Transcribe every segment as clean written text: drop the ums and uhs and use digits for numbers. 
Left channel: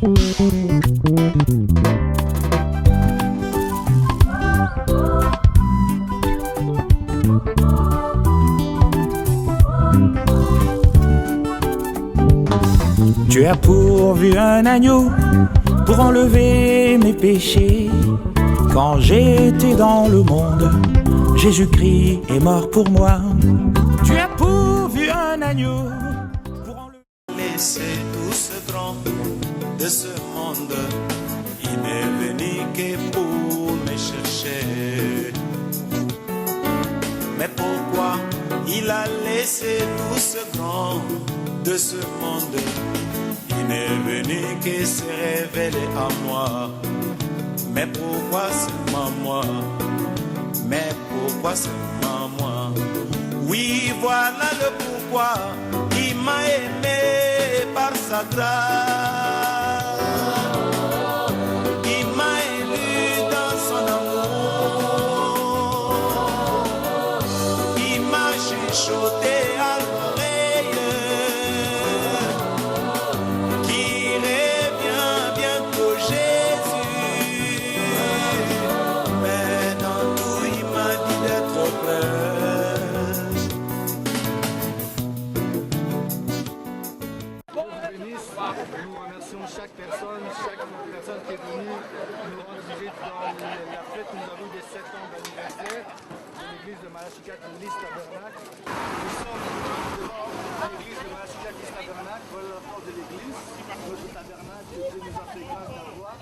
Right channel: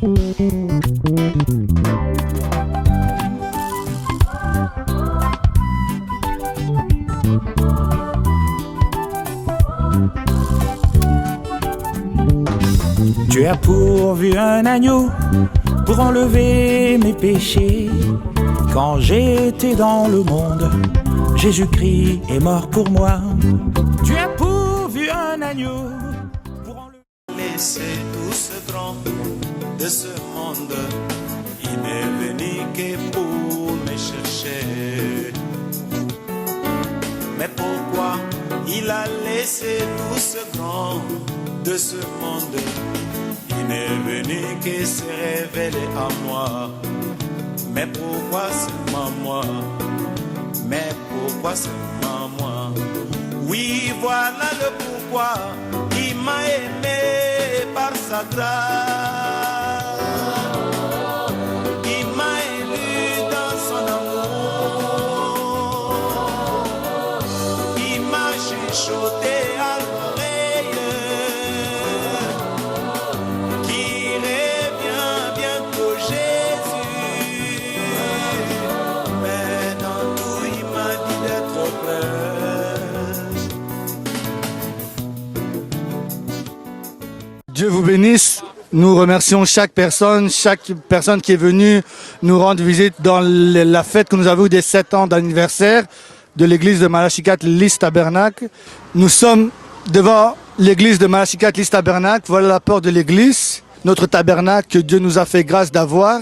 Tu as pourvu un agneau pour enlever mes péchés. Quand j'étais dans le monde, Jésus-Christ est mort pour moi. Tu as pourvu un agneau pour enlever... Laissez tout ce grand de ce monde, il n'est venu que pour me chercher. Mais pourquoi il a laissé tout ce grand de ce monde? Il n'est venu que se révéler à moi. Mais pourquoi seulement moi? Mais pourquoi seulement moi? Oui, voilà le pourquoi. Il m'a aimé par sa grâce. Il m'a élu dans son amour. Il m'a chuchoté à l'oreille qu'il revient bientôt Jésus. Mais dans tout il m'a dit d'être prêt. Dieu vous bénisse. Nous remercions chaque personne qui est venue nous rendre visite dans la fête que nous avons eue des 7 ans d'anniversaire de l'église de Malachicat Lys Tabernacle. Nous sommes devant l'église de Malachicat Lys Tabernacle. Voilà la porte de l'église, notre tabernacle que Dieu nous a fait grâce d'avoir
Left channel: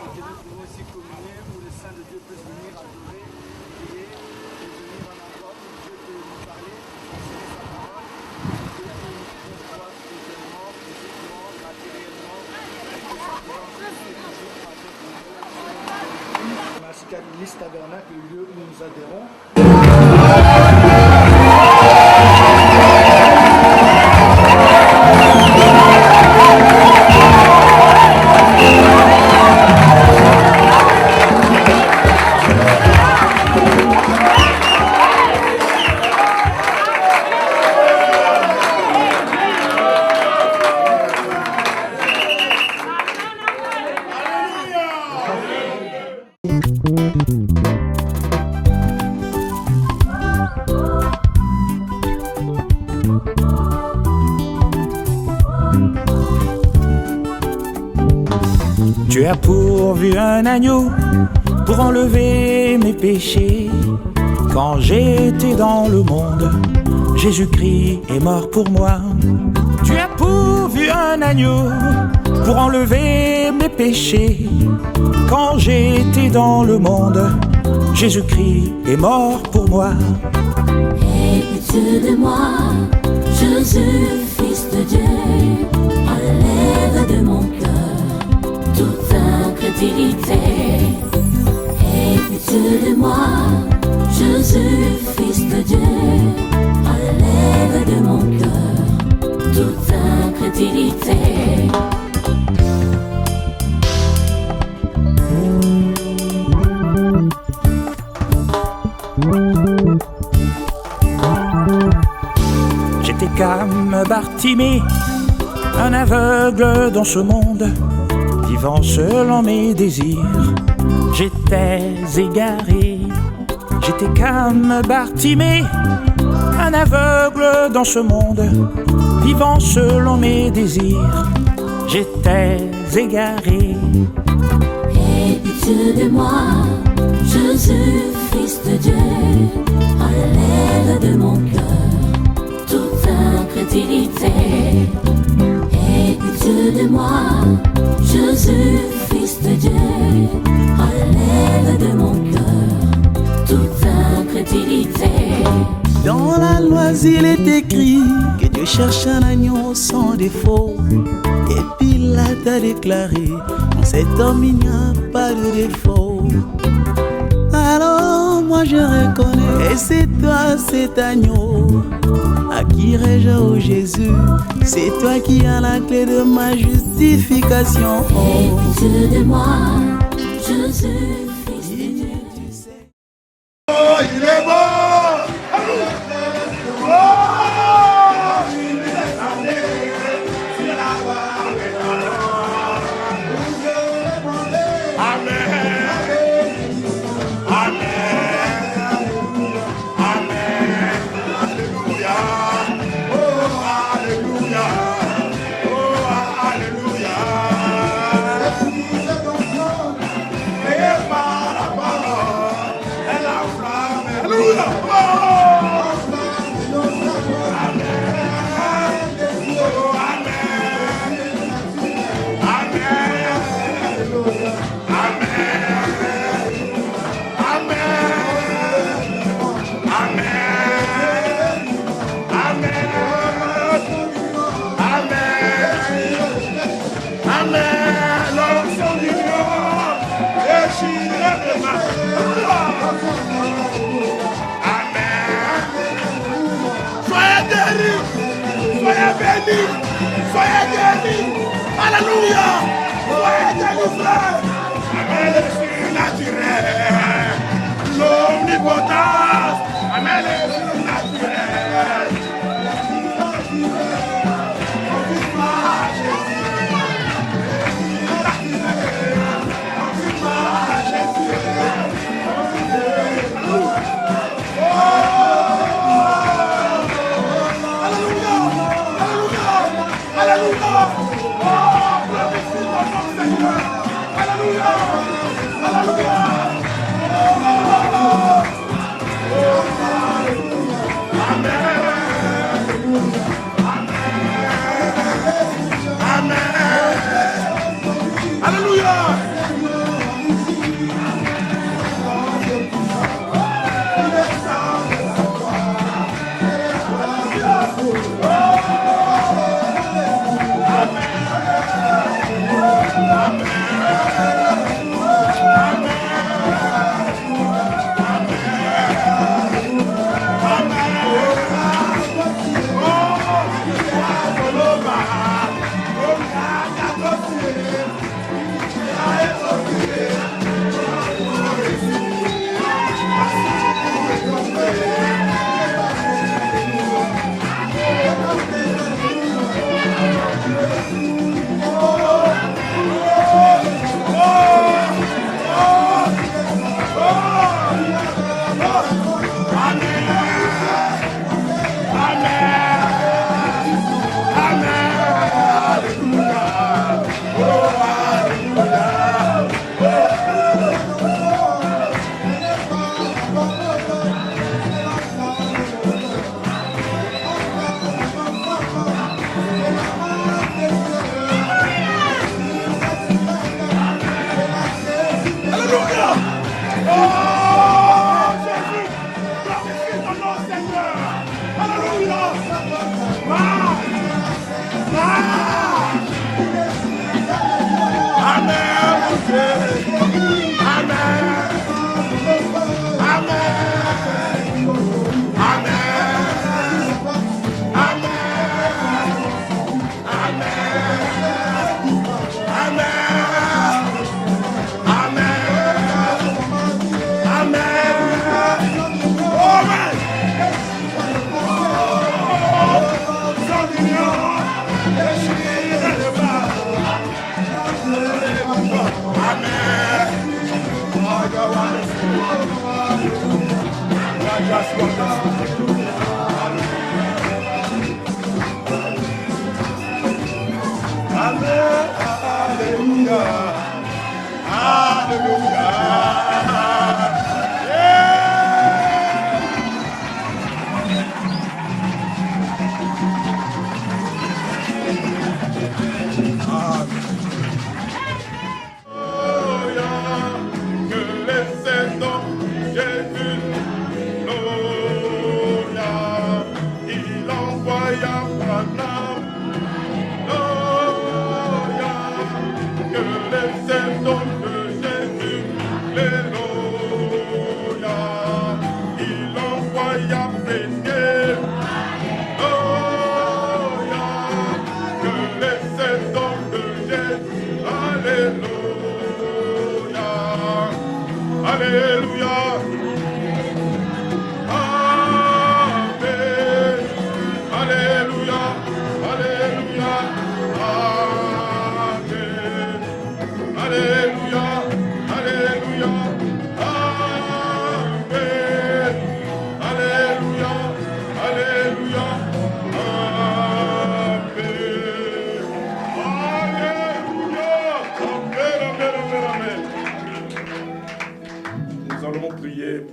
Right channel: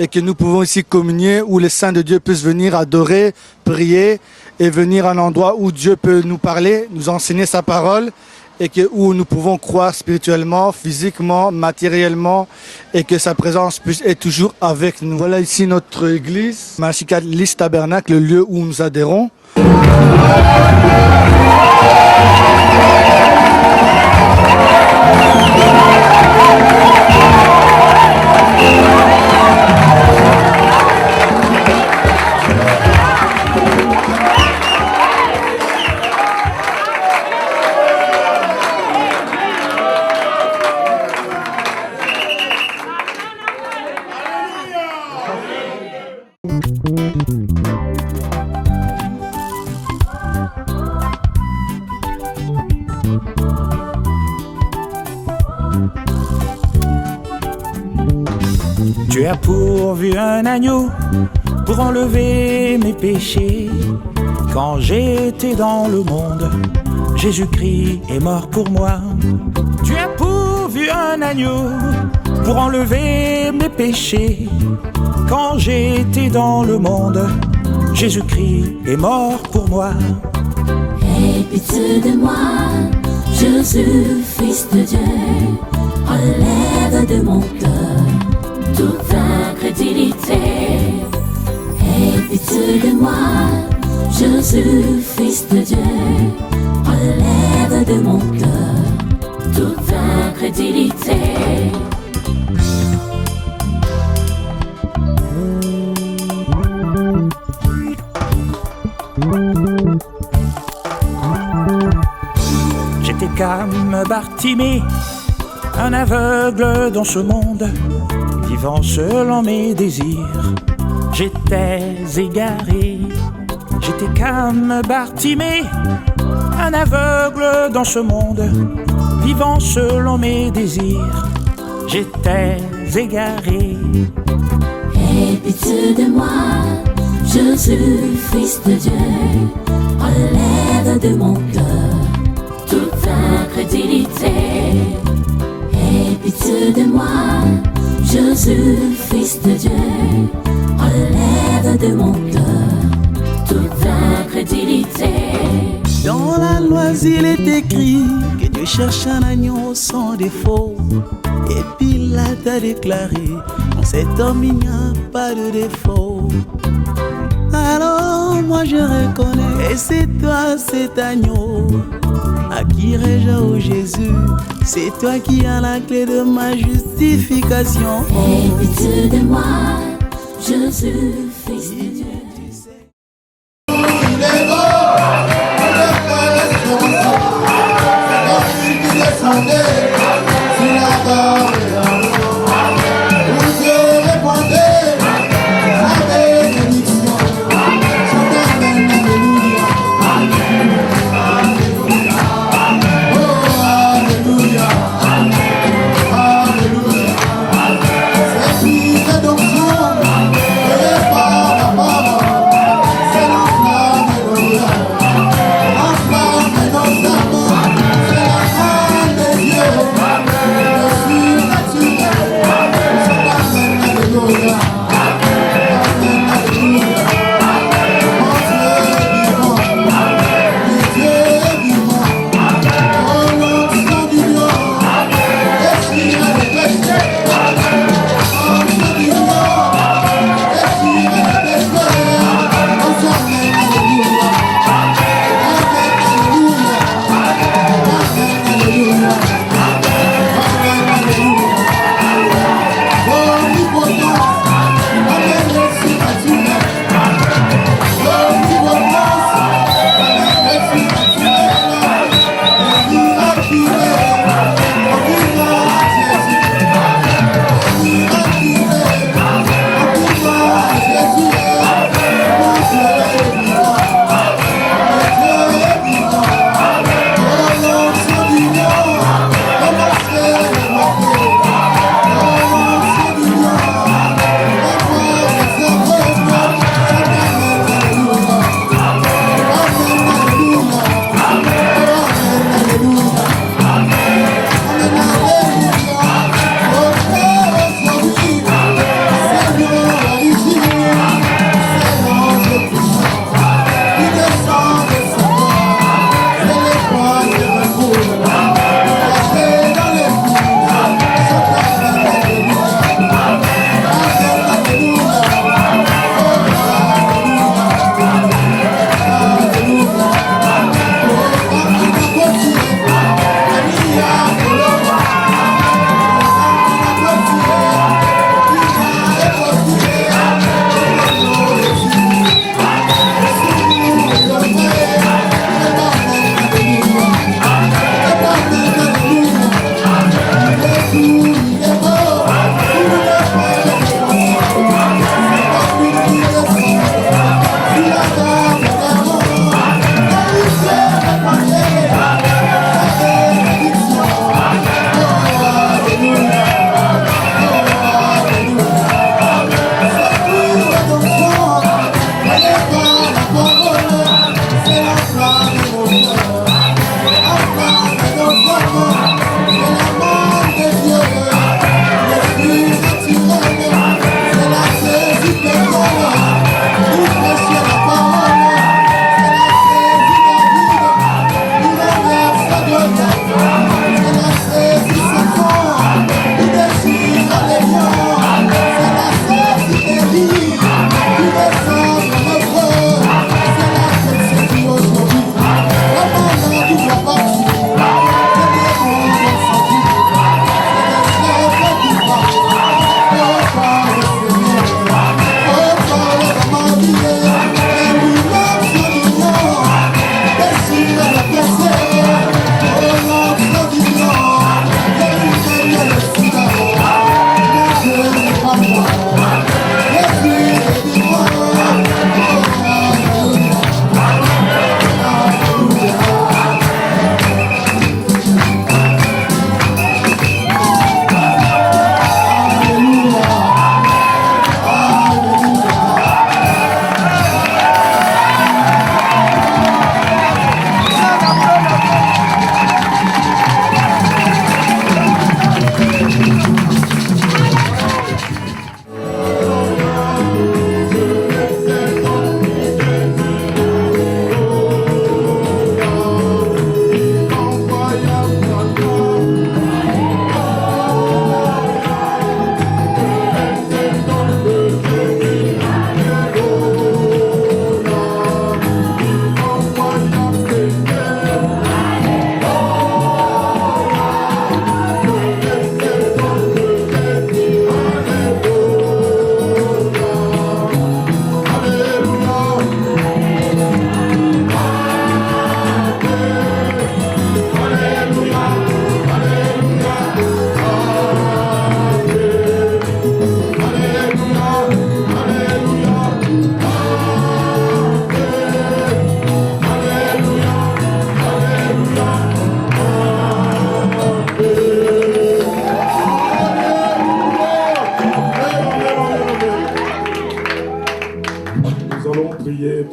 et que nous pouvons ici communier, où les saints de Dieu puissent venir adorer, prier et venir à un endroit où Dieu peut nous parler, nous enseigner sa parole, et où nous pouvons croire spirituellement, physiquement, matériellement, et que sa présence puisse être toujours avec nous. Voilà ici notre église, Malachicat Lys Tabernacle, le lieu où nous adhérons. Tu as pourvu un agneau pour enlever mes péchés. Quand j'étais dans le monde, Jésus-Christ est mort pour moi. Tu as pourvu un agneau pour enlever mes péchés. Quand j'étais dans le monde, Jésus-Christ est mort pour moi. Aie pitié de moi, Jésus, Fils de Dieu, enlève de mon cœur toute incrédulité. Aie pitié de moi, Jésus, Fils de Dieu, enlève de mon cœur toute incrédulité. J'étais comme Bartimée, un aveugle dans ce monde, vivant selon mes désirs. J'étais égaré. J'étais comme Bartimée, un aveugle dans ce monde, vivant selon mes désirs. J'étais égaré. Aie pitié de moi, Jésus, Fils de Dieu, enlève de mon cœur toute incrédulité. Aie pitié de moi, Jésus, Fils de Dieu, enlève de mon cœur toute incrédulité. Dans la loi il est écrit que Dieu cherche un agneau sans défaut. Et Pilate a déclaré, en cet homme il n'y a pas de défaut. Alors moi je reconnais, et c'est toi cet agneau. À qui irai-je, ô Jésus? C'est toi qui as la clé de ma justification. Aie pitié de moi, Jésus, Fils de Dieu. Il est beau.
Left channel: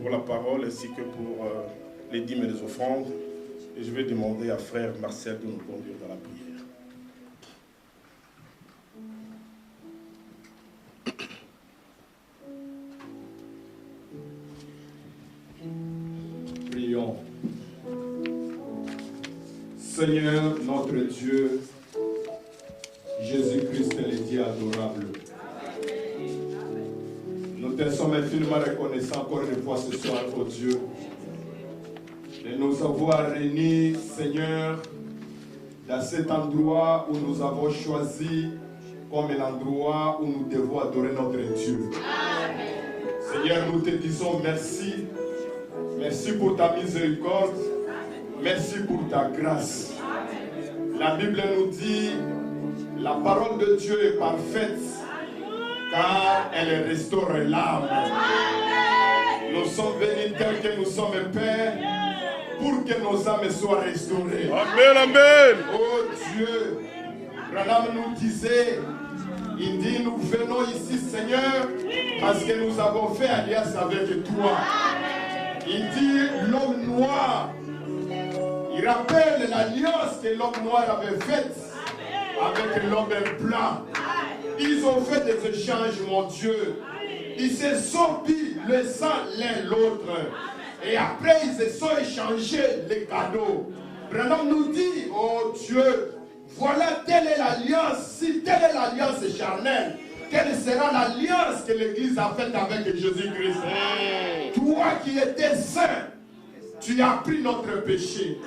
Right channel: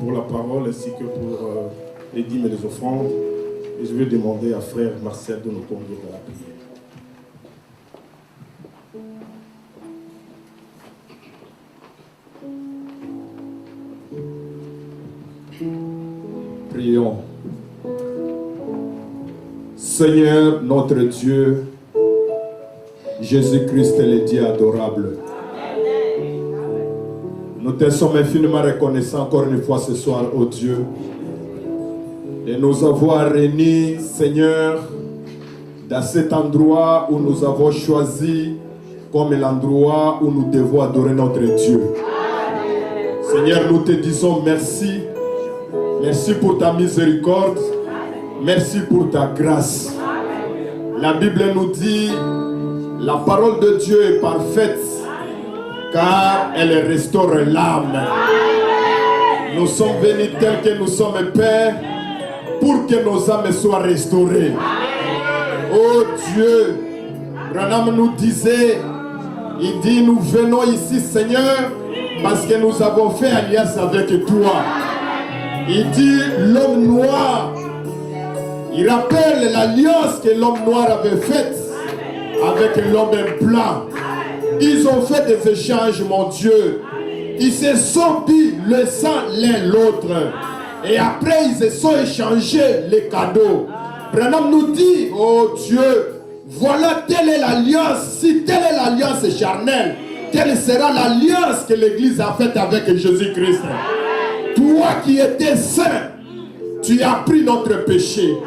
pour la parole ainsi que pour les dîmes et les offrandes. Et je vais demander à frère Marcel de nous conduire à la prière. Prions. Seigneur notre Dieu, Jésus-Christ est le Dieu adorable. Nous te sommes infiniment reconnaissants encore une fois ce soir, ô Dieu, de nous avoir réunis, Seigneur, dans cet endroit où nous avons choisi comme l'endroit où nous devons adorer notre Dieu. Seigneur, nous te disons merci. Merci pour ta miséricorde. Merci pour ta grâce. La Bible nous dit, la parole de Dieu est parfaite, car elle restaure l'âme. Nous sommes venus tels que nous sommes, Père, pour que nos âmes soient restaurées. Amen, amen. Oh Dieu, Branham nous disait, il dit, nous venons ici, Seigneur, parce que nous avons fait alliance avec toi. Il dit, l'homme noir, il rappelle l'alliance que l'homme noir avait faite avec l'homme blanc. Ils ont fait des échanges, mon Dieu. Ils se sont dit le sang l'un l'autre. Et après, ils se sont échangés les cadeaux. Branham nous dit, oh Dieu, voilà telle est l'alliance. Si telle est l'alliance charnelle, quelle sera l'alliance que l'Église a faite avec Jésus-Christ? Toi qui étais saint, tu as pris notre péché.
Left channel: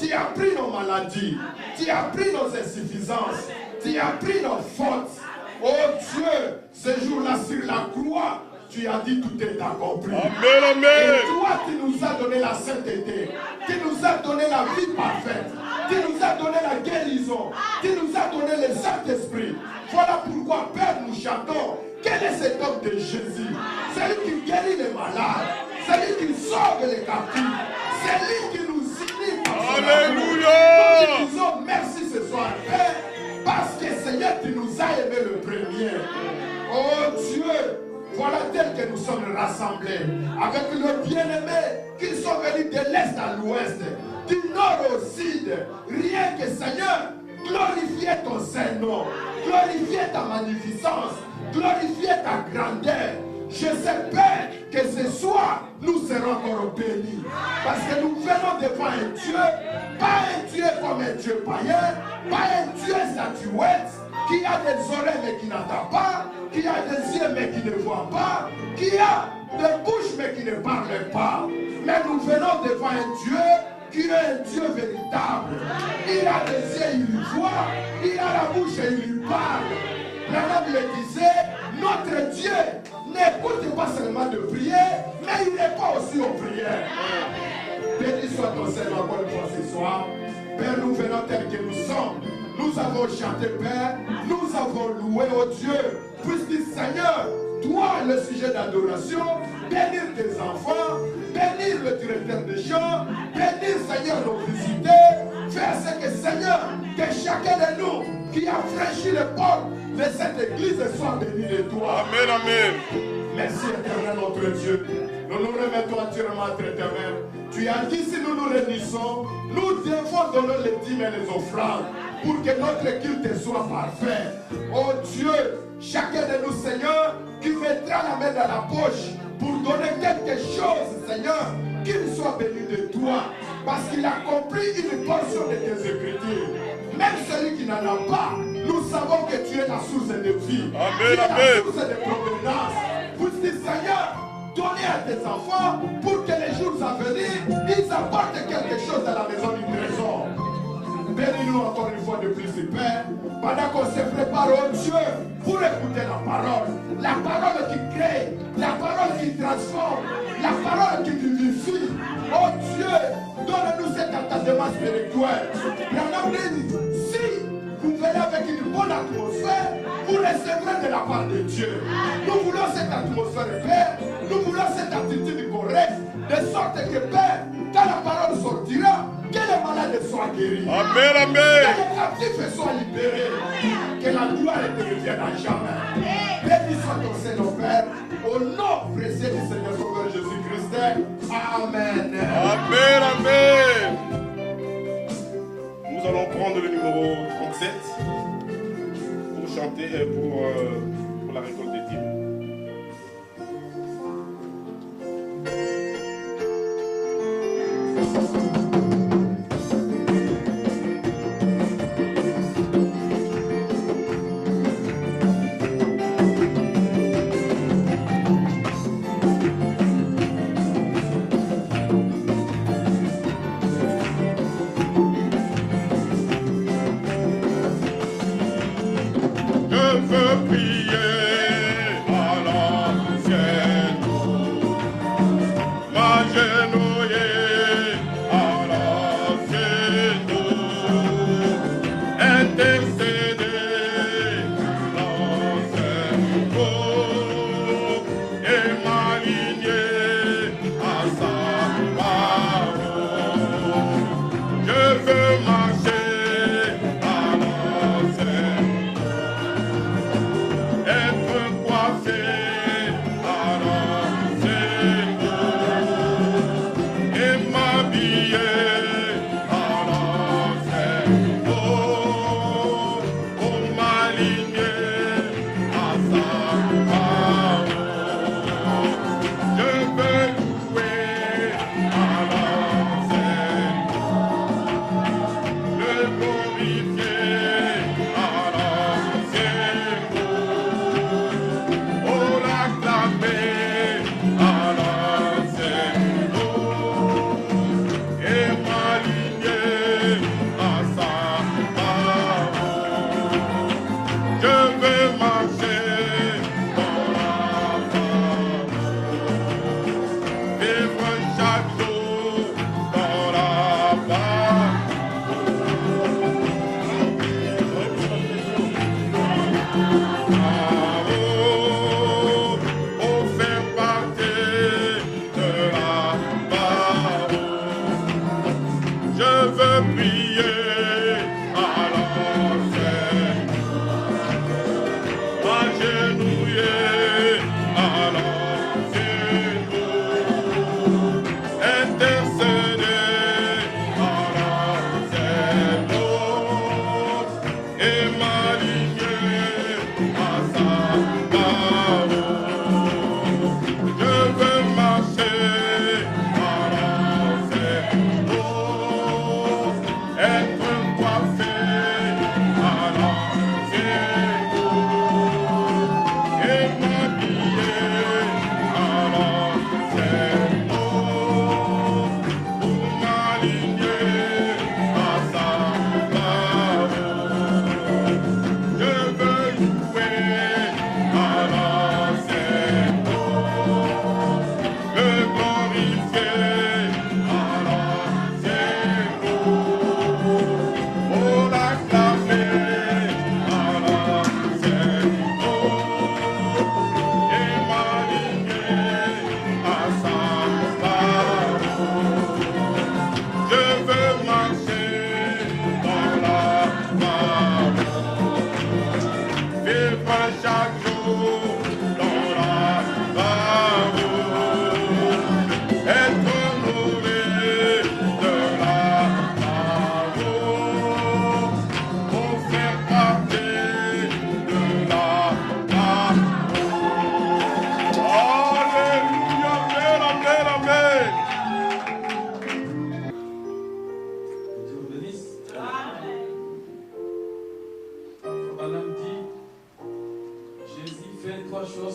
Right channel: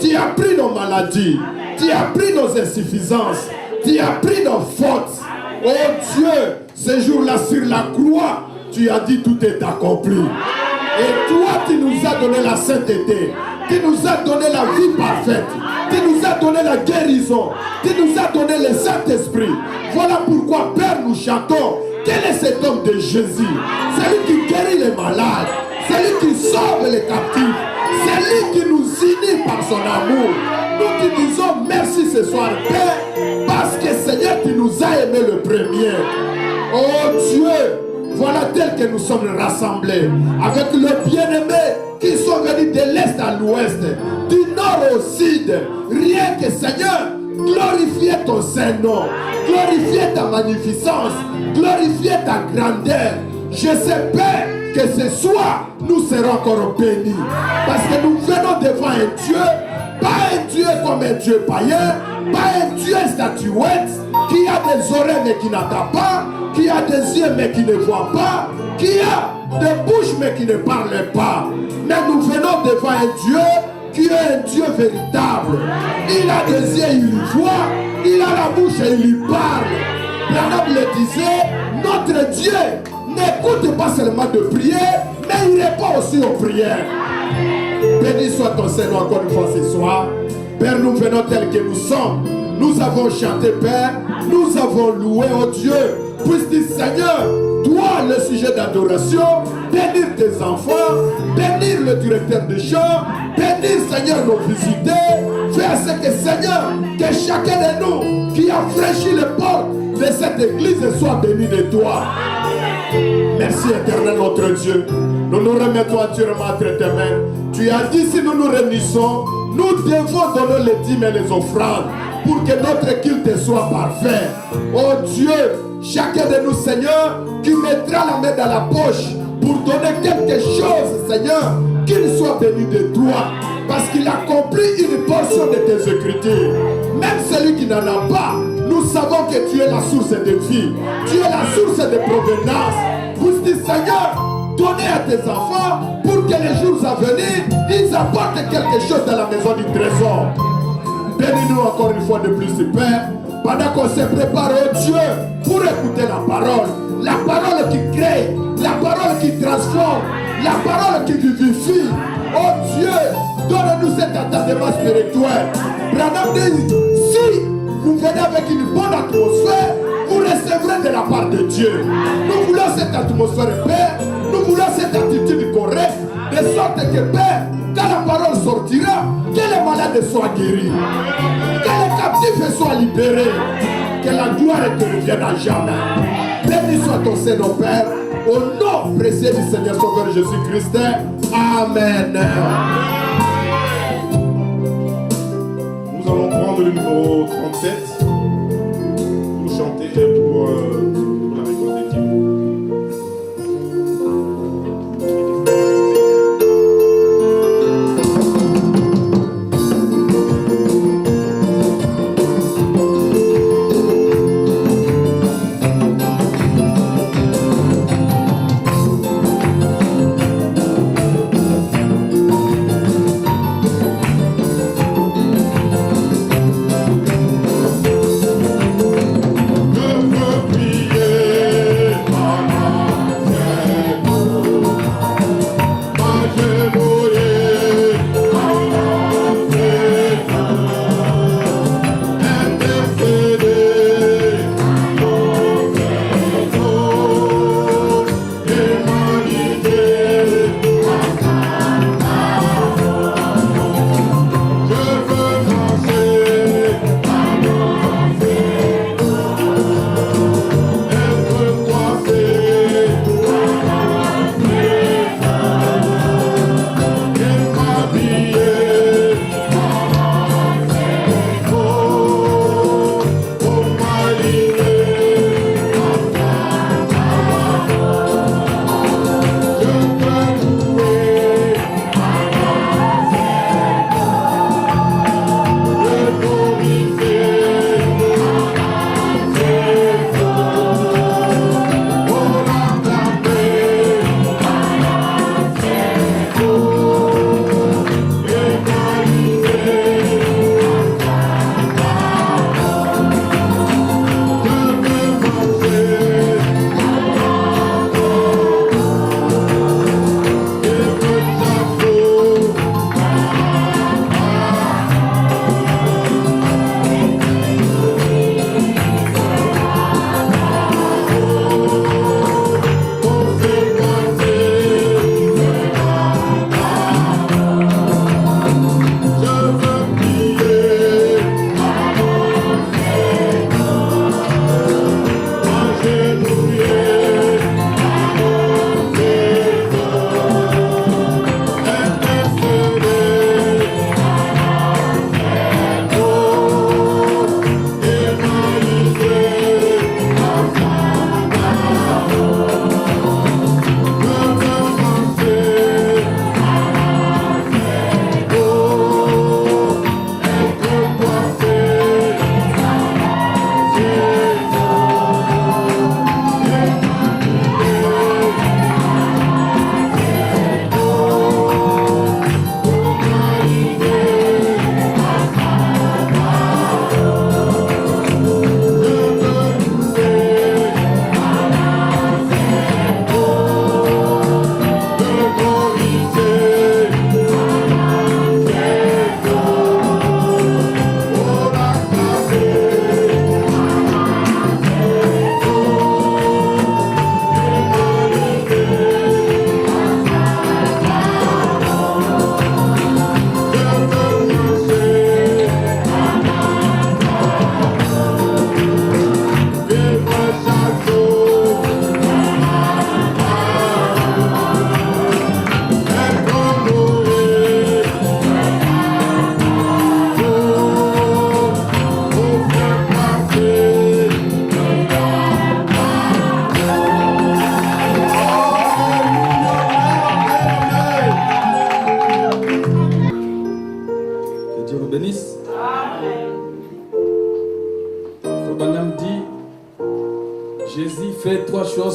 Tu as pris nos maladies. Tu as pris nos insuffisances. Tu as pris nos fautes. Oh Dieu, ce jour-là sur la croix, tu as dit tout est accompli. Et toi, tu nous as donné la sainteté. Tu nous as donné la vie parfaite. Tu nous as donné la guérison. Tu nous as donné le Saint-Esprit. Voilà pourquoi, Père, nous chantons. Quel est cet homme de Jésus? C'est lui qui guérit les malades. C'est lui qui sauve les captifs. C'est lui qui nous unit par son amour. Nous te disons merci ce soir, Père, parce que Seigneur, tu nous as aimés le premier. Oh Dieu, voilà tel que nous sommes rassemblés avec le bien-aimé qui sont venus de l'Est à l'Ouest, du Nord au Sud. Rien que Seigneur, glorifier ton Saint-Nom, glorifier ta magnificence, glorifier ta grandeur. Je sais, Père, que ce soir, nous serons encore bénis. Parce que nous venons devant un Dieu, pas un Dieu comme un Dieu païen, pas un Dieu statuette, qui a des oreilles mais qui n'entend pas, qui a des yeux mais qui ne voit pas, qui a des bouches mais qui ne parle pas. Mais nous venons devant un Dieu qui est un Dieu véritable. Il a des yeux, il voit, il a la bouche et il lui parle. Branham le disait, notre Dieu n'écoute pas seulement de prier, mais il répond aussi aux prières. Béni soit ton Seigneur encore une fois ce soir. Père, nous venons tels que nous sommes. Nous avons chanté, Père. Nous avons loué, oh Dieu. Puisque Seigneur, toi, le sujet d'adoration, bénir tes enfants, bénir le directeur de chant, bénir, Seigneur, nos visiteurs. Fais à ce que, Seigneur, que chacun de nous qui a franchi les portes de cette église soit béni de toi. Merci éternel notre Dieu. Nous nous remettons entièrement entre tes mains. Tu as dit si nous nous réunissons, nous devons donner les dîmes et les offrandes pour que notre culte soit parfait. Oh Dieu, chacun de nous, Seigneur, qui mettra la main dans la poche pour donner quelque chose, Seigneur, qu'il soit béni de toi. Parce qu'il a compris une portion de tes écritures. Même celui qui n'en a pas, nous savons que tu es la source de vie. Amen. Tu es la source de provenance. Vous dites, Seigneur, donnez à tes enfants pour que les jours à venir, ils apportent quelque chose dans la maison du trésor. Bénis-nous encore une fois de plus, Père, pendant qu'on se prépare, oh Dieu, pour écouter la parole qui crée, la parole qui transforme, la parole qui vivifie. Oh Dieu, donne-nous cet attachement spirituel. Si nous venons avec une bonne atmosphère, vous recevrez de la part de Dieu. Nous voulons cette atmosphère, Père. Nous voulons cette attitude correcte, de sorte que, Père, quand la parole sortira, que les malades soient guéris. Amen, amen. Que les captifs soient libérés. Que la gloire te revienne à jamais. Béni soit ton Seigneur, Père. Au nom précieux du Seigneur Sauveur Jésus-Christ. Amen. Amen, amen. Nous allons prendre le numéro 37 pour chanter et pour la récolte des dîmes.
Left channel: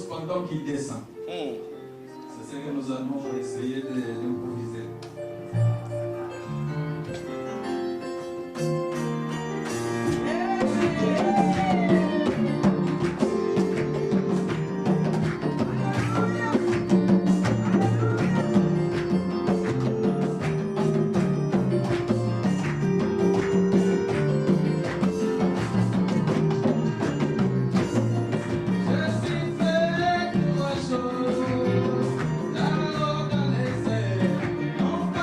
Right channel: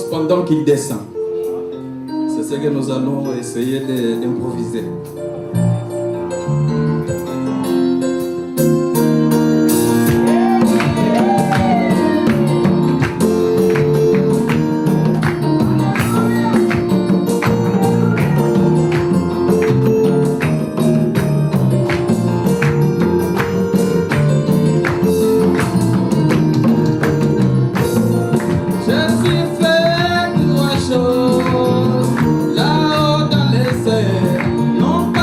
Pendant qu'il descend. C'est ce que nous allons essayer d'improviser. Là-haut dans les airs, non pas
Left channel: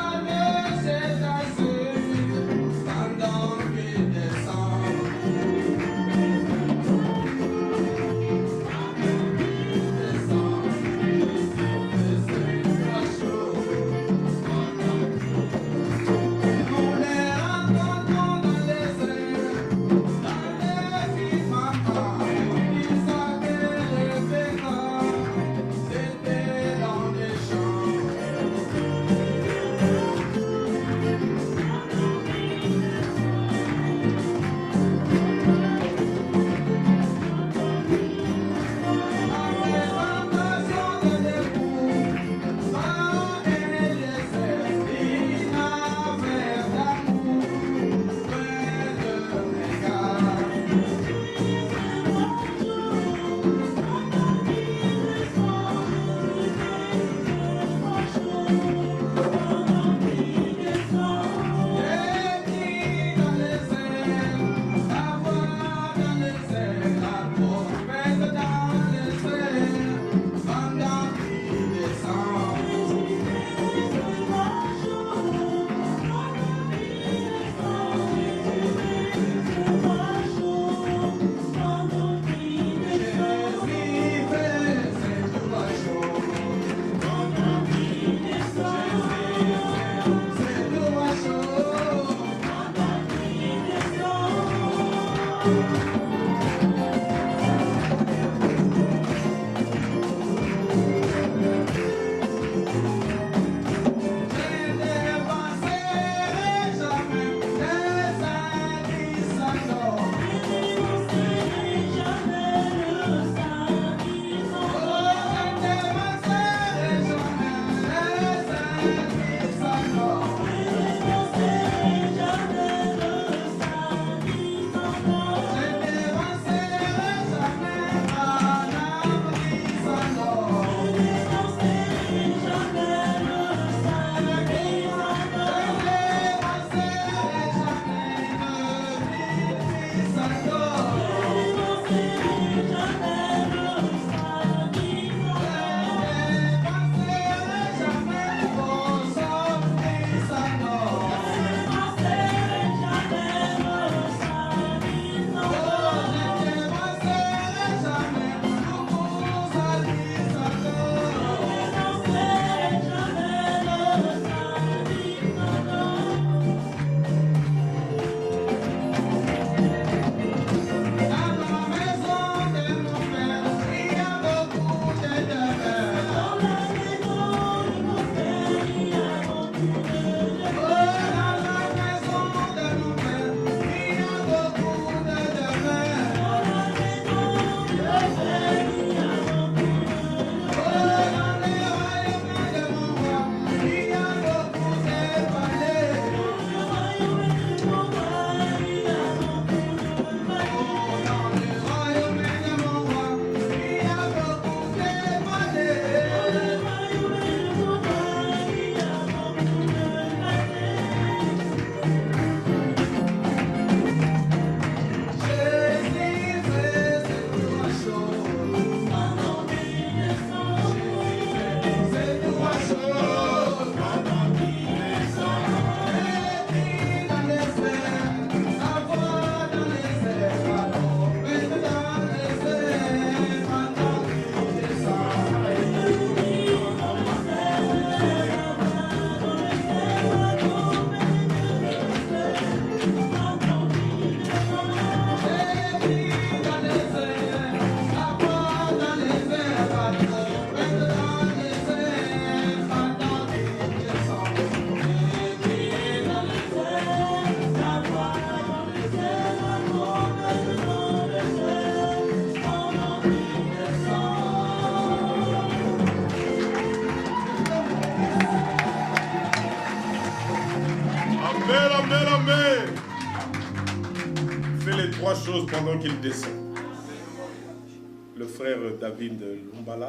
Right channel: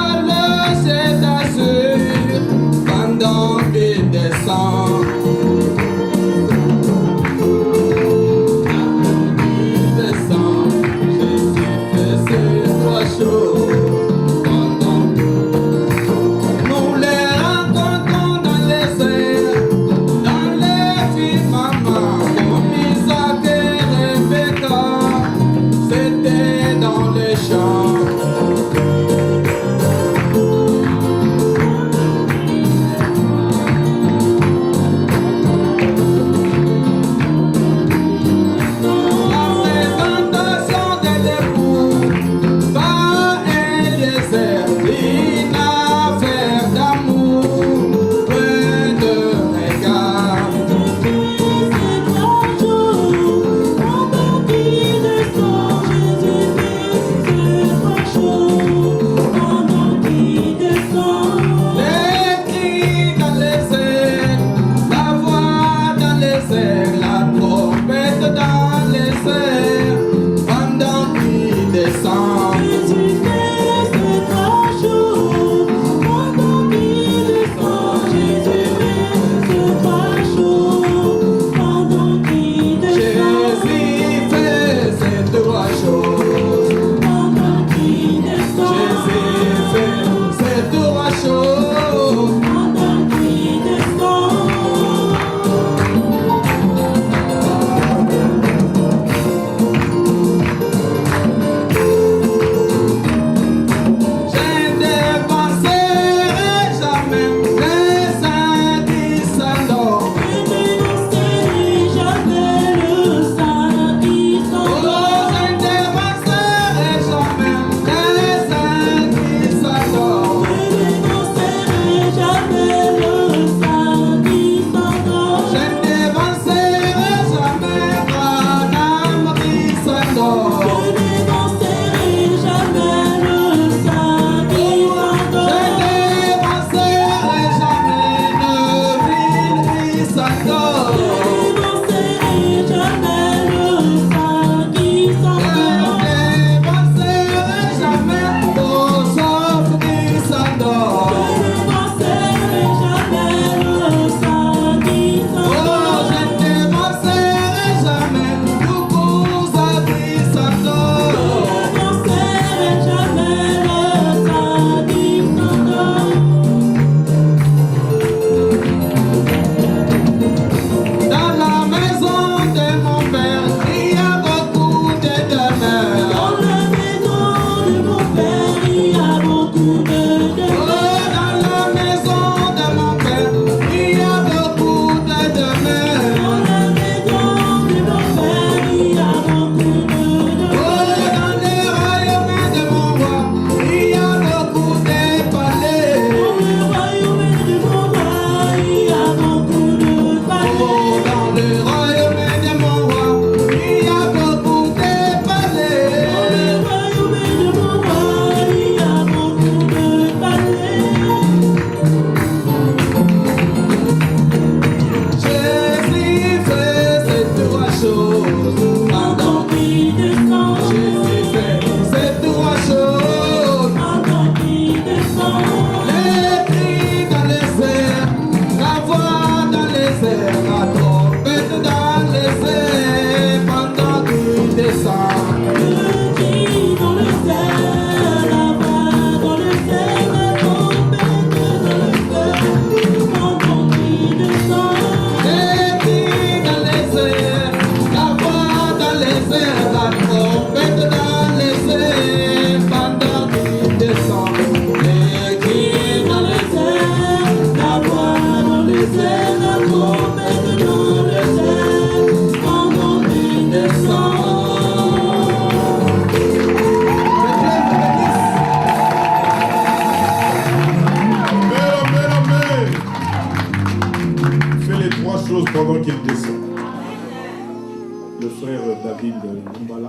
frère David Lumbala,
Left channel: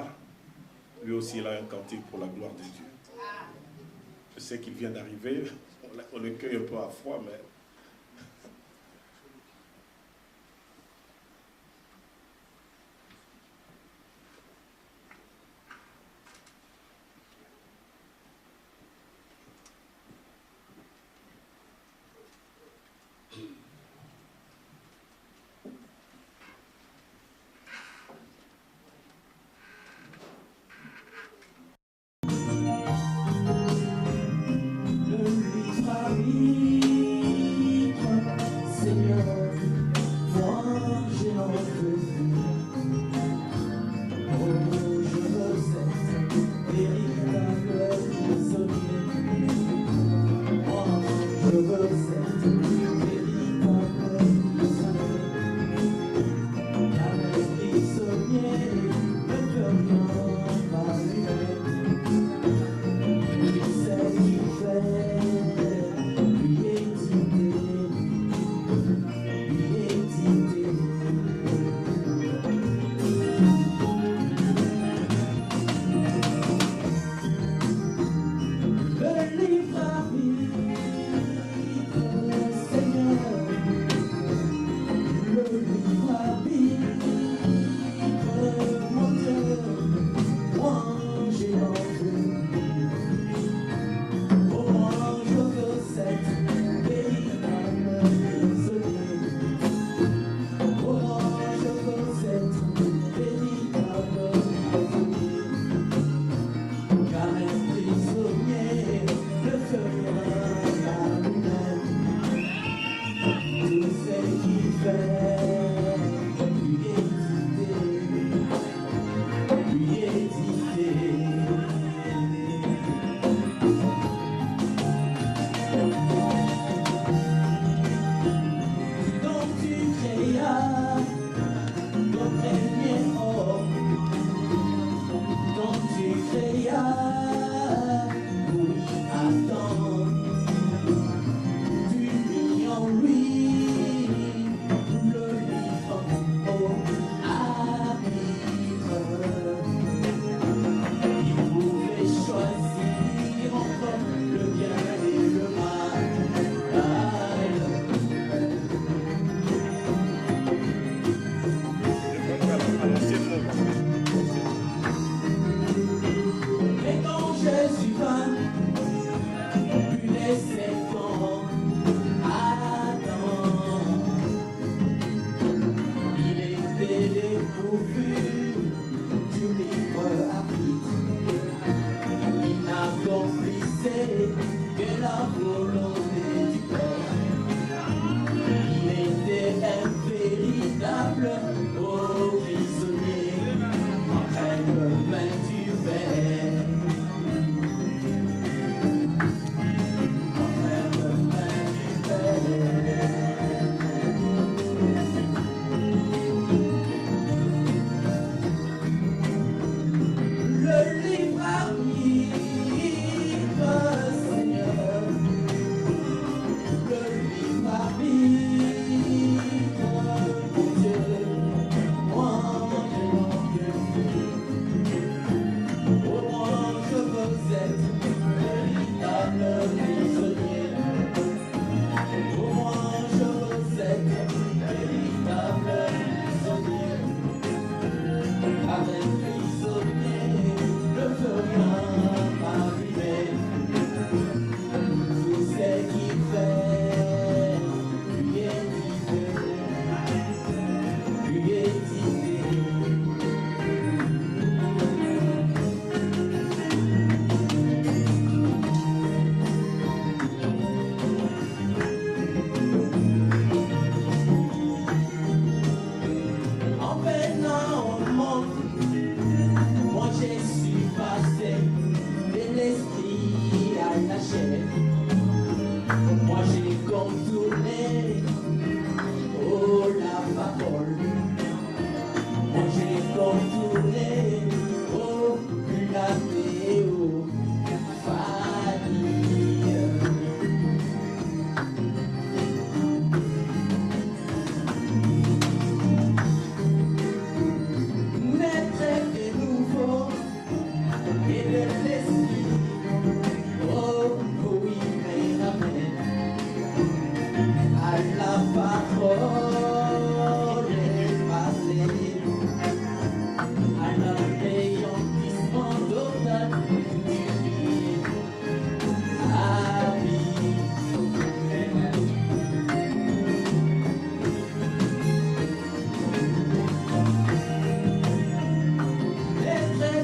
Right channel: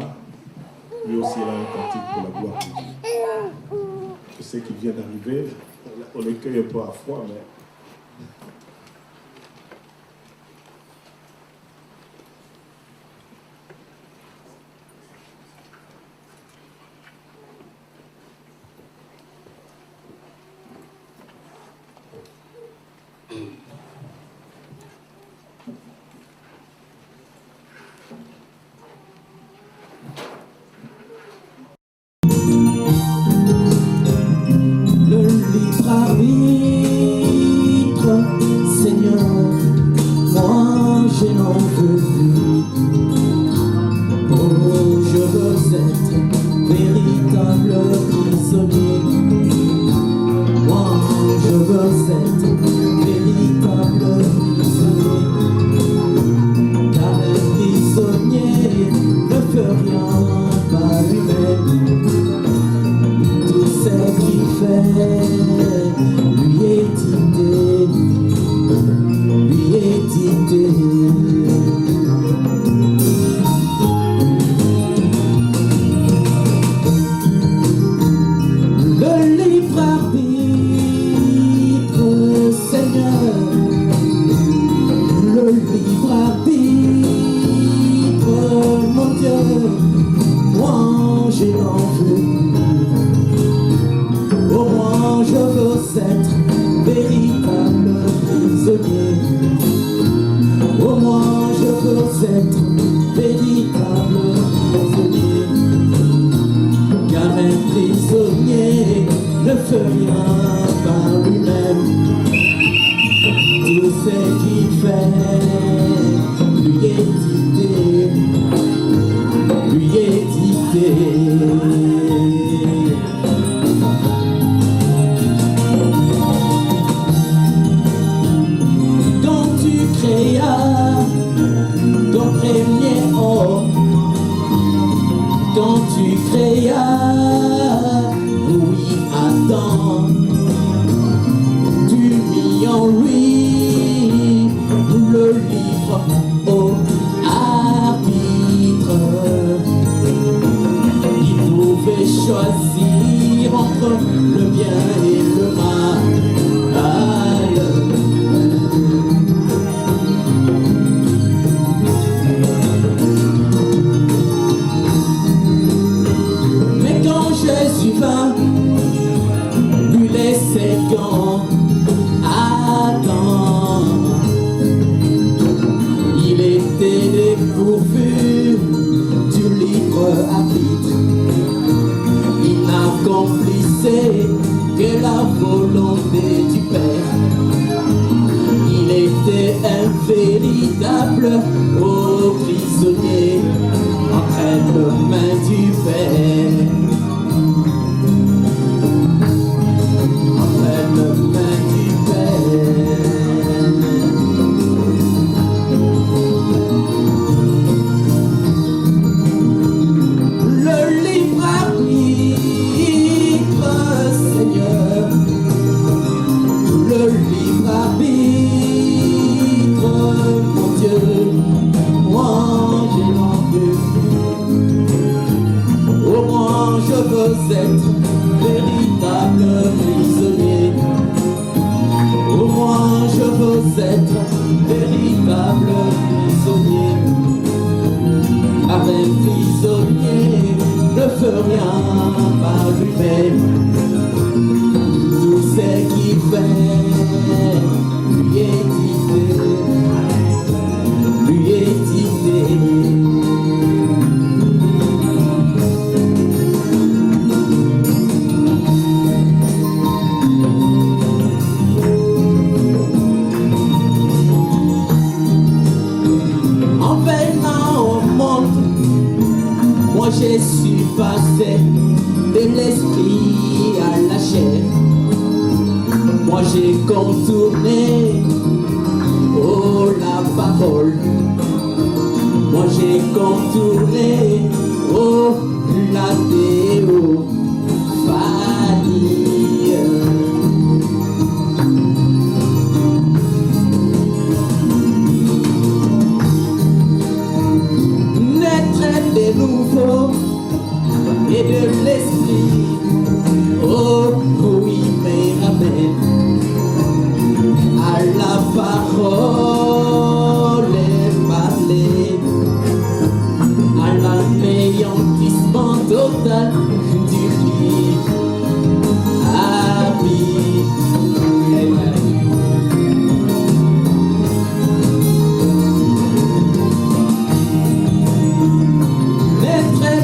lui aussi il a un cantique pour la gloire de Dieu. Je sais qu'il vient d'arriver, on le cueille un peu à froid, mais...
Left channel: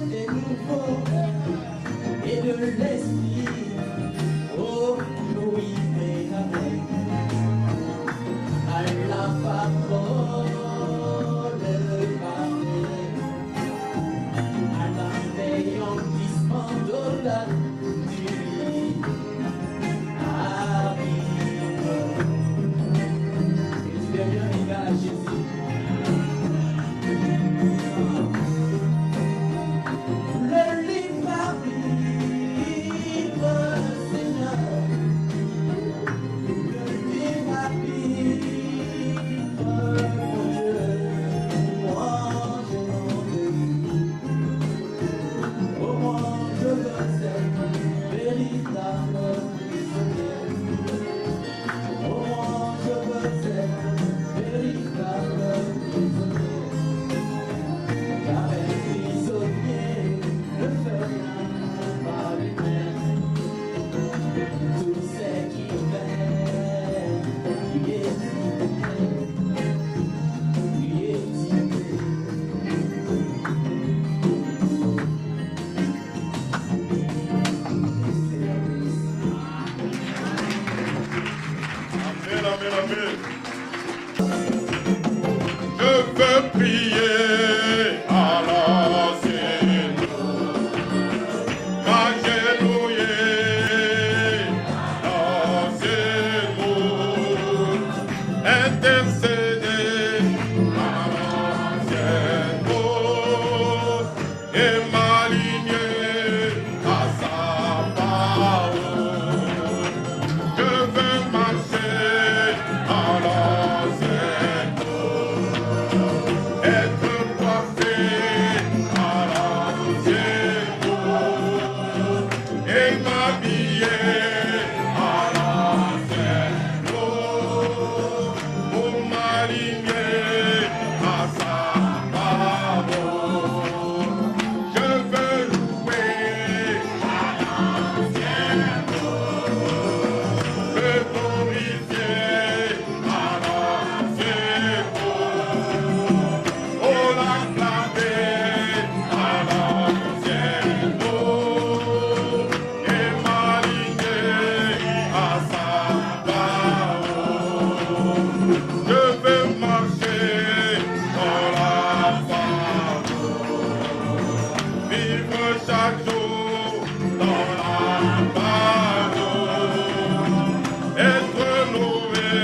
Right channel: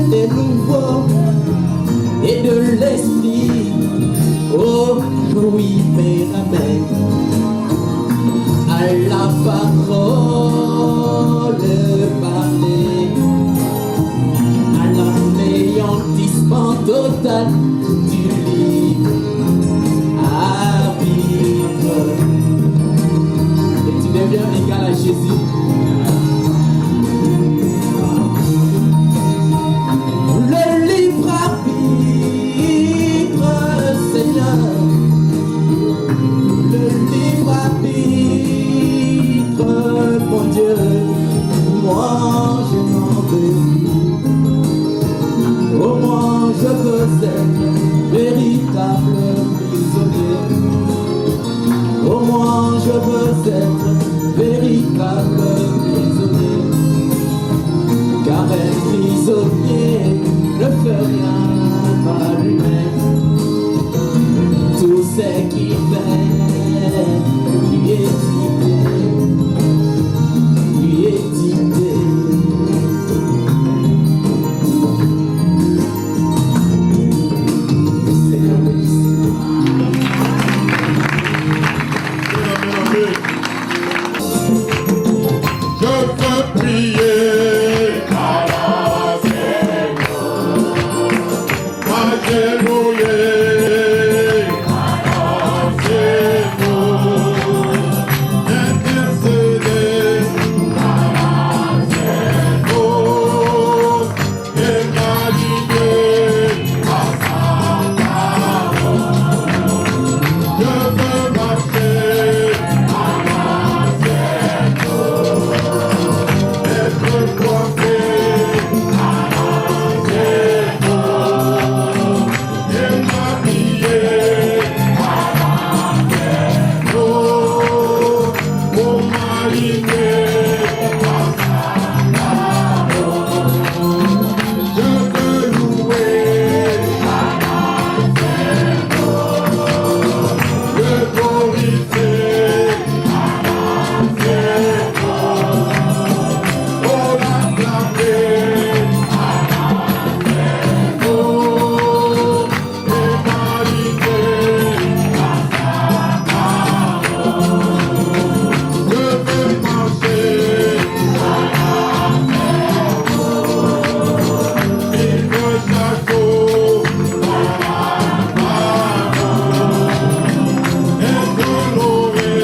des nouveaux et de l'esprit. Oh oui, Père, amen. À la parole parlée, à l'anéantissement total du libre arbitre. Et tu deviens égal à Jésus. Le libre arbitre, Seigneur. Le libre arbitre, mon Dieu, moi je n'en veux plus. Au moins je veux être véritable prisonnier. Au moins je veux être véritable prisonnier. Car un prisonnier ne fait rien par lui-même. Tout ce qu'il fait lui est idée. Seigneur, Je veux prier à l'ancienne, m'agenouiller à l'ancienne, intercéder à l'ancienne et m'aligner à sa parole. Je veux marcher à l'ancienne, être coiffé à l'ancienne et m'habiller à l'ancienne pour m'aligner à sa parole. Je veux louer à l'ancienne, le glorifier à l'ancienne, oh l'acclamer à l'ancienne, et m'aligner à sa parole. Je veux marcher à l'ancienne, vivre chaque jour dans la parole, être nourri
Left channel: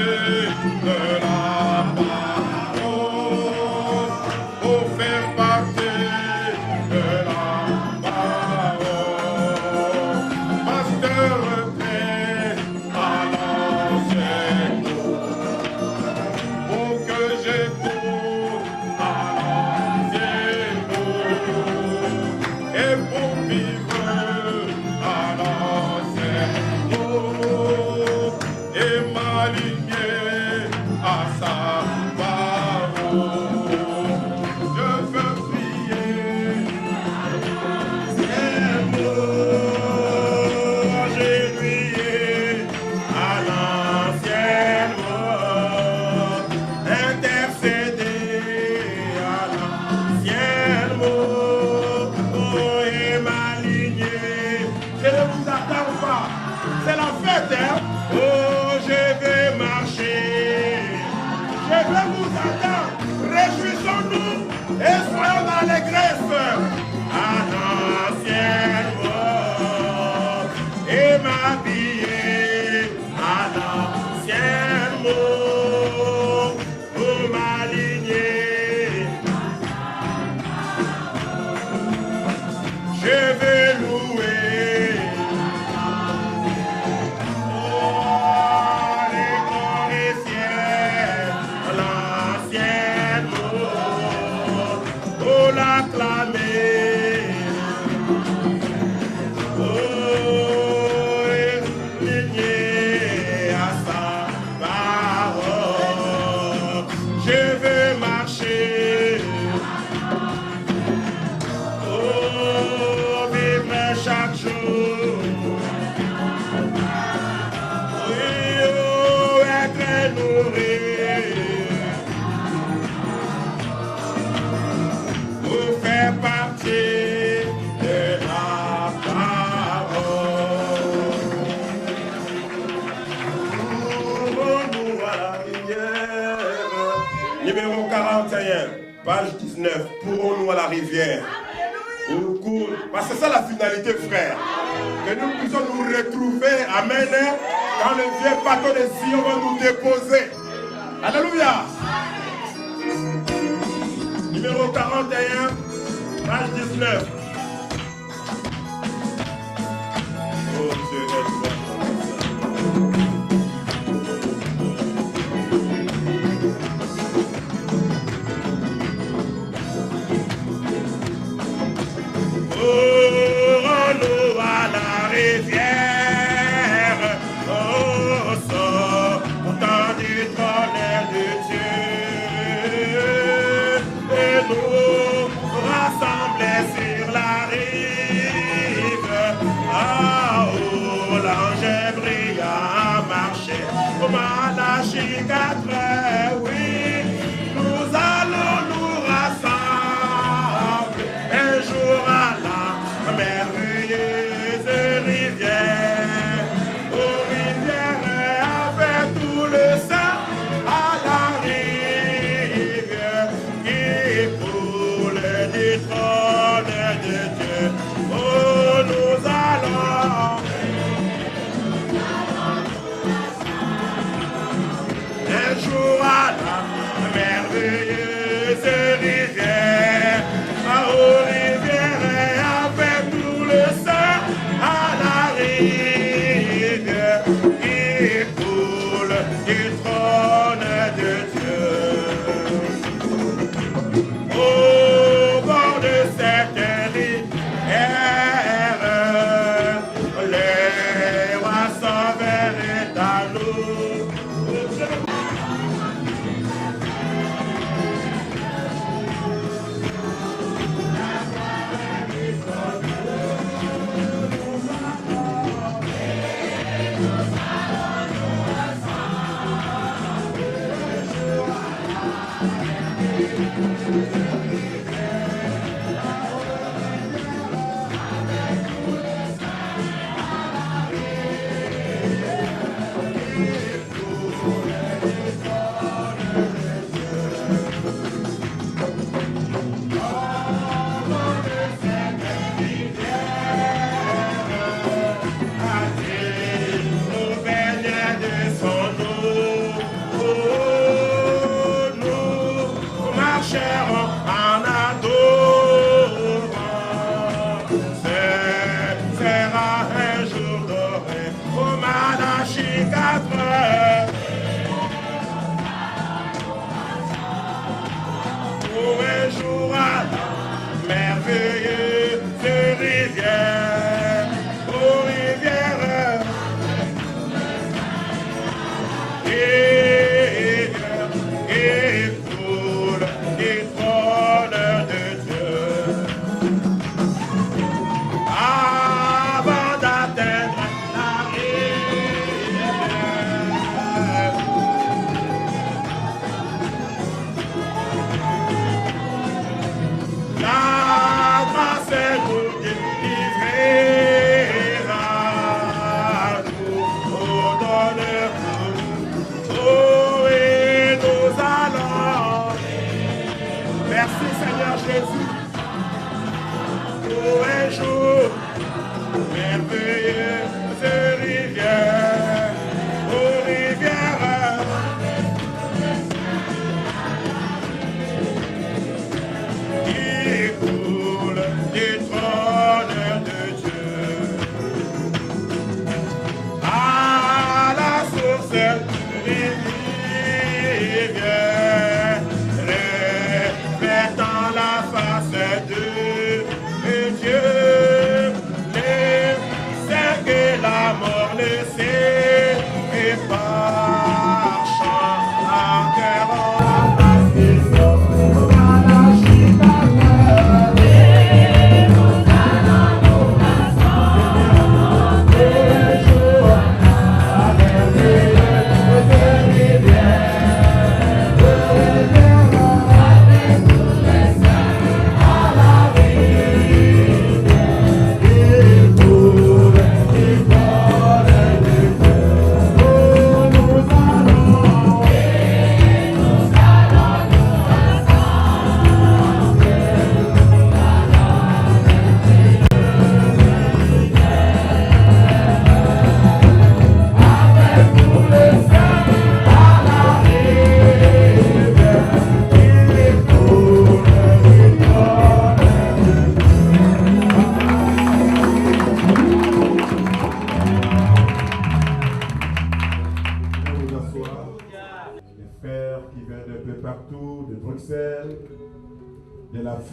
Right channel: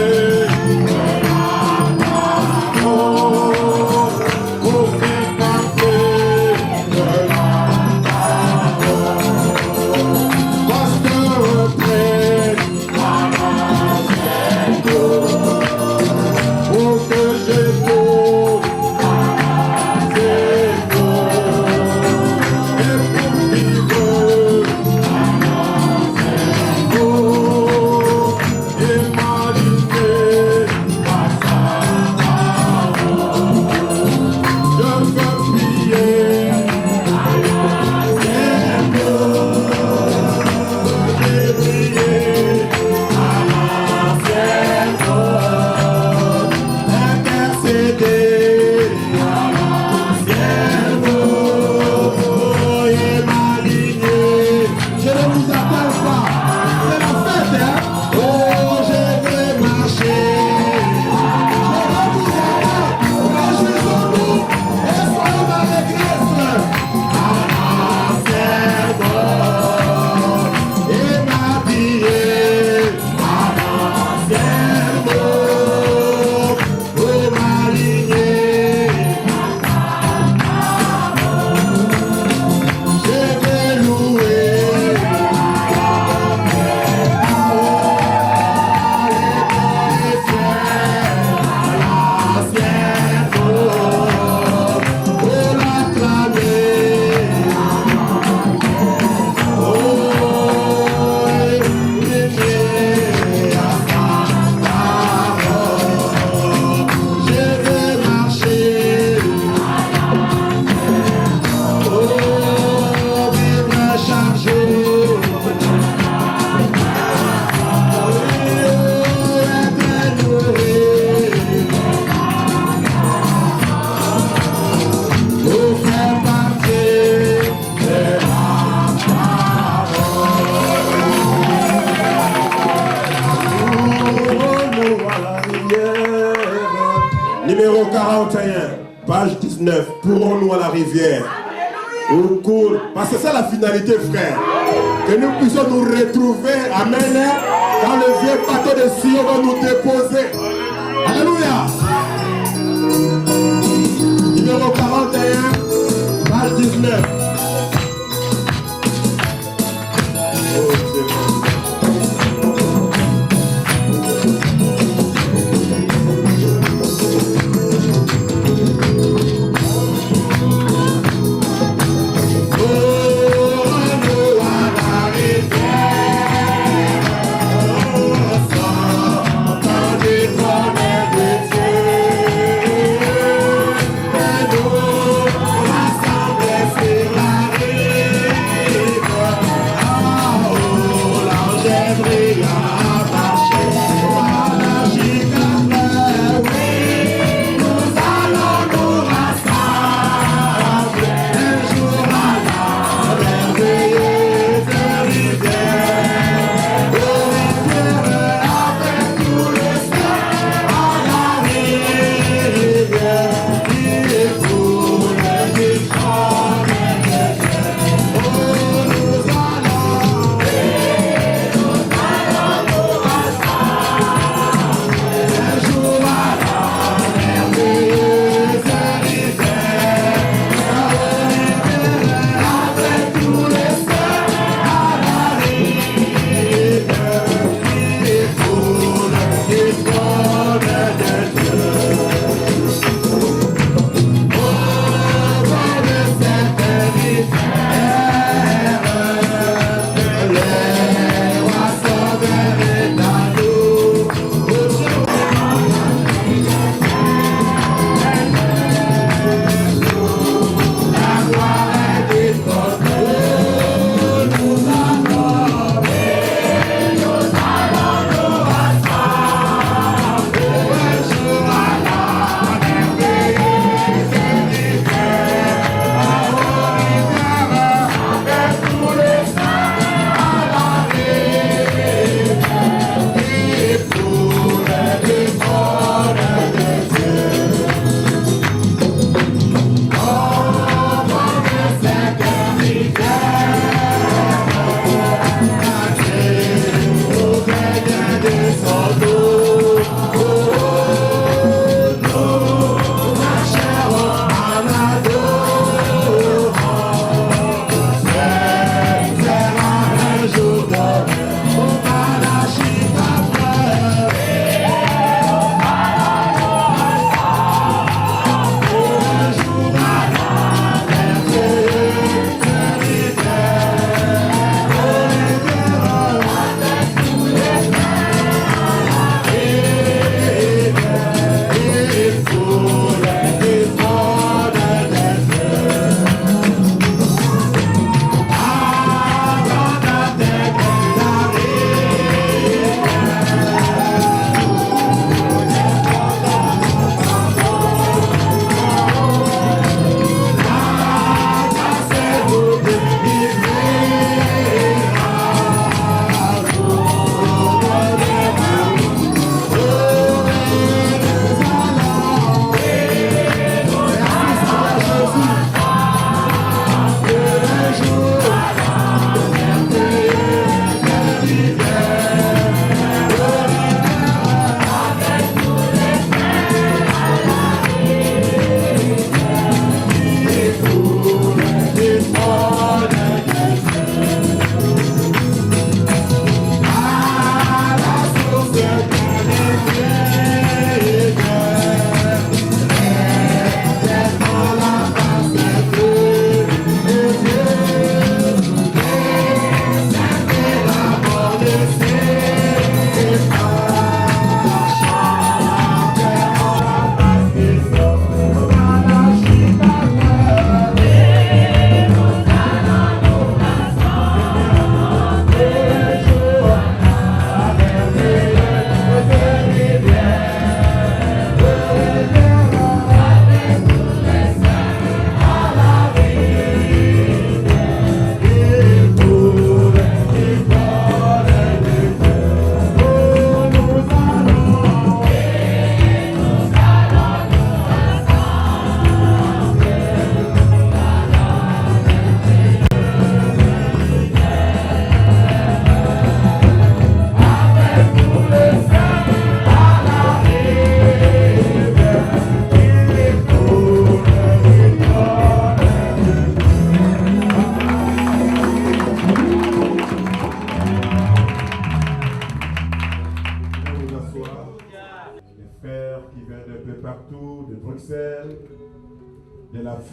de la parole, pour faire partie de la parole. Pasteur prêt à l'ancienne, pour que je tourne à l'ancienne, et pour vivre à l'ancienne, et m'aligner à sa parole. Je veux prier à l'ancienne, j'ai prié à l'ancienne, intercéder à l'ancienne, et m'aligner. Je ne vous appelle pas, c'est la fête, hein? Oh, je vais marcher. Je vous appelle, réjouissons-nous et soyons dans l'église. À l'ancienne, et m'habiller à l'ancienne, pour m'aligner. Je vais louer les ciels, à l'ancienne, pour l'acclamer. rivière. Au cours, parce que c'est ça la finalité, frère. Que nous puissions nous retrouver, amen, quand le vieux bateau de Sion va nous déposer. Alléluia. Numéro 41, page 19. Oh Dieu.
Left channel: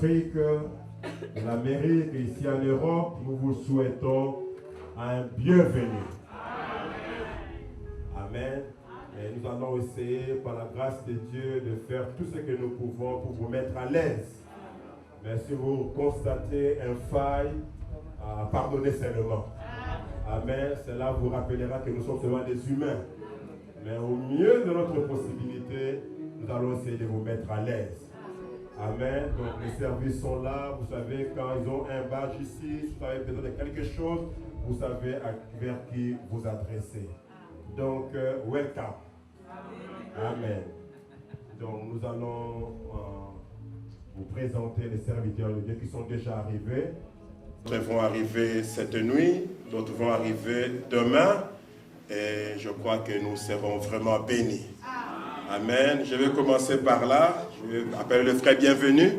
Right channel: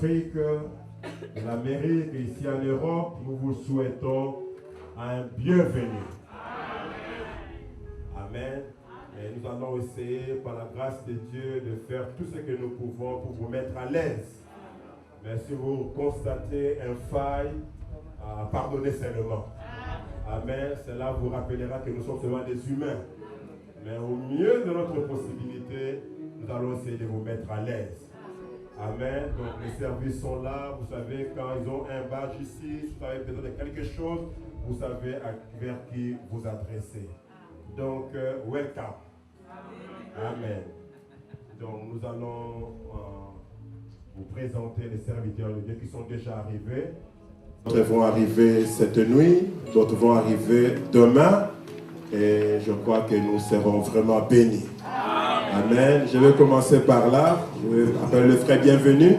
l'Afrique, de l'Amérique et ici en Europe, nous vous souhaitons un bienvenu. Amen. Et nous allons essayer, par la grâce de Dieu, de faire tout ce que nous pouvons pour vous mettre à l'aise. Mais si vous constatez un faille, pardonnez seulement. Amen. Cela vous rappellera que nous sommes seulement des humains. Mais au mieux de notre possibilité, nous allons essayer de vous mettre à l'aise. Amen. Donc les services sont là. Vous savez, quand ils ont un badge ici, si vous avez besoin de quelque chose, vous savez vers qui vous adresser. Donc, welcome. Amen. Donc, nous allons vous présenter les serviteurs de Dieu qui sont déjà arrivés. D'autres vont arriver cette nuit, d'autres vont arriver demain. Et je crois que nous serons vraiment bénis. Amen. Je vais commencer par là. Je appelle le frère Bienvenu.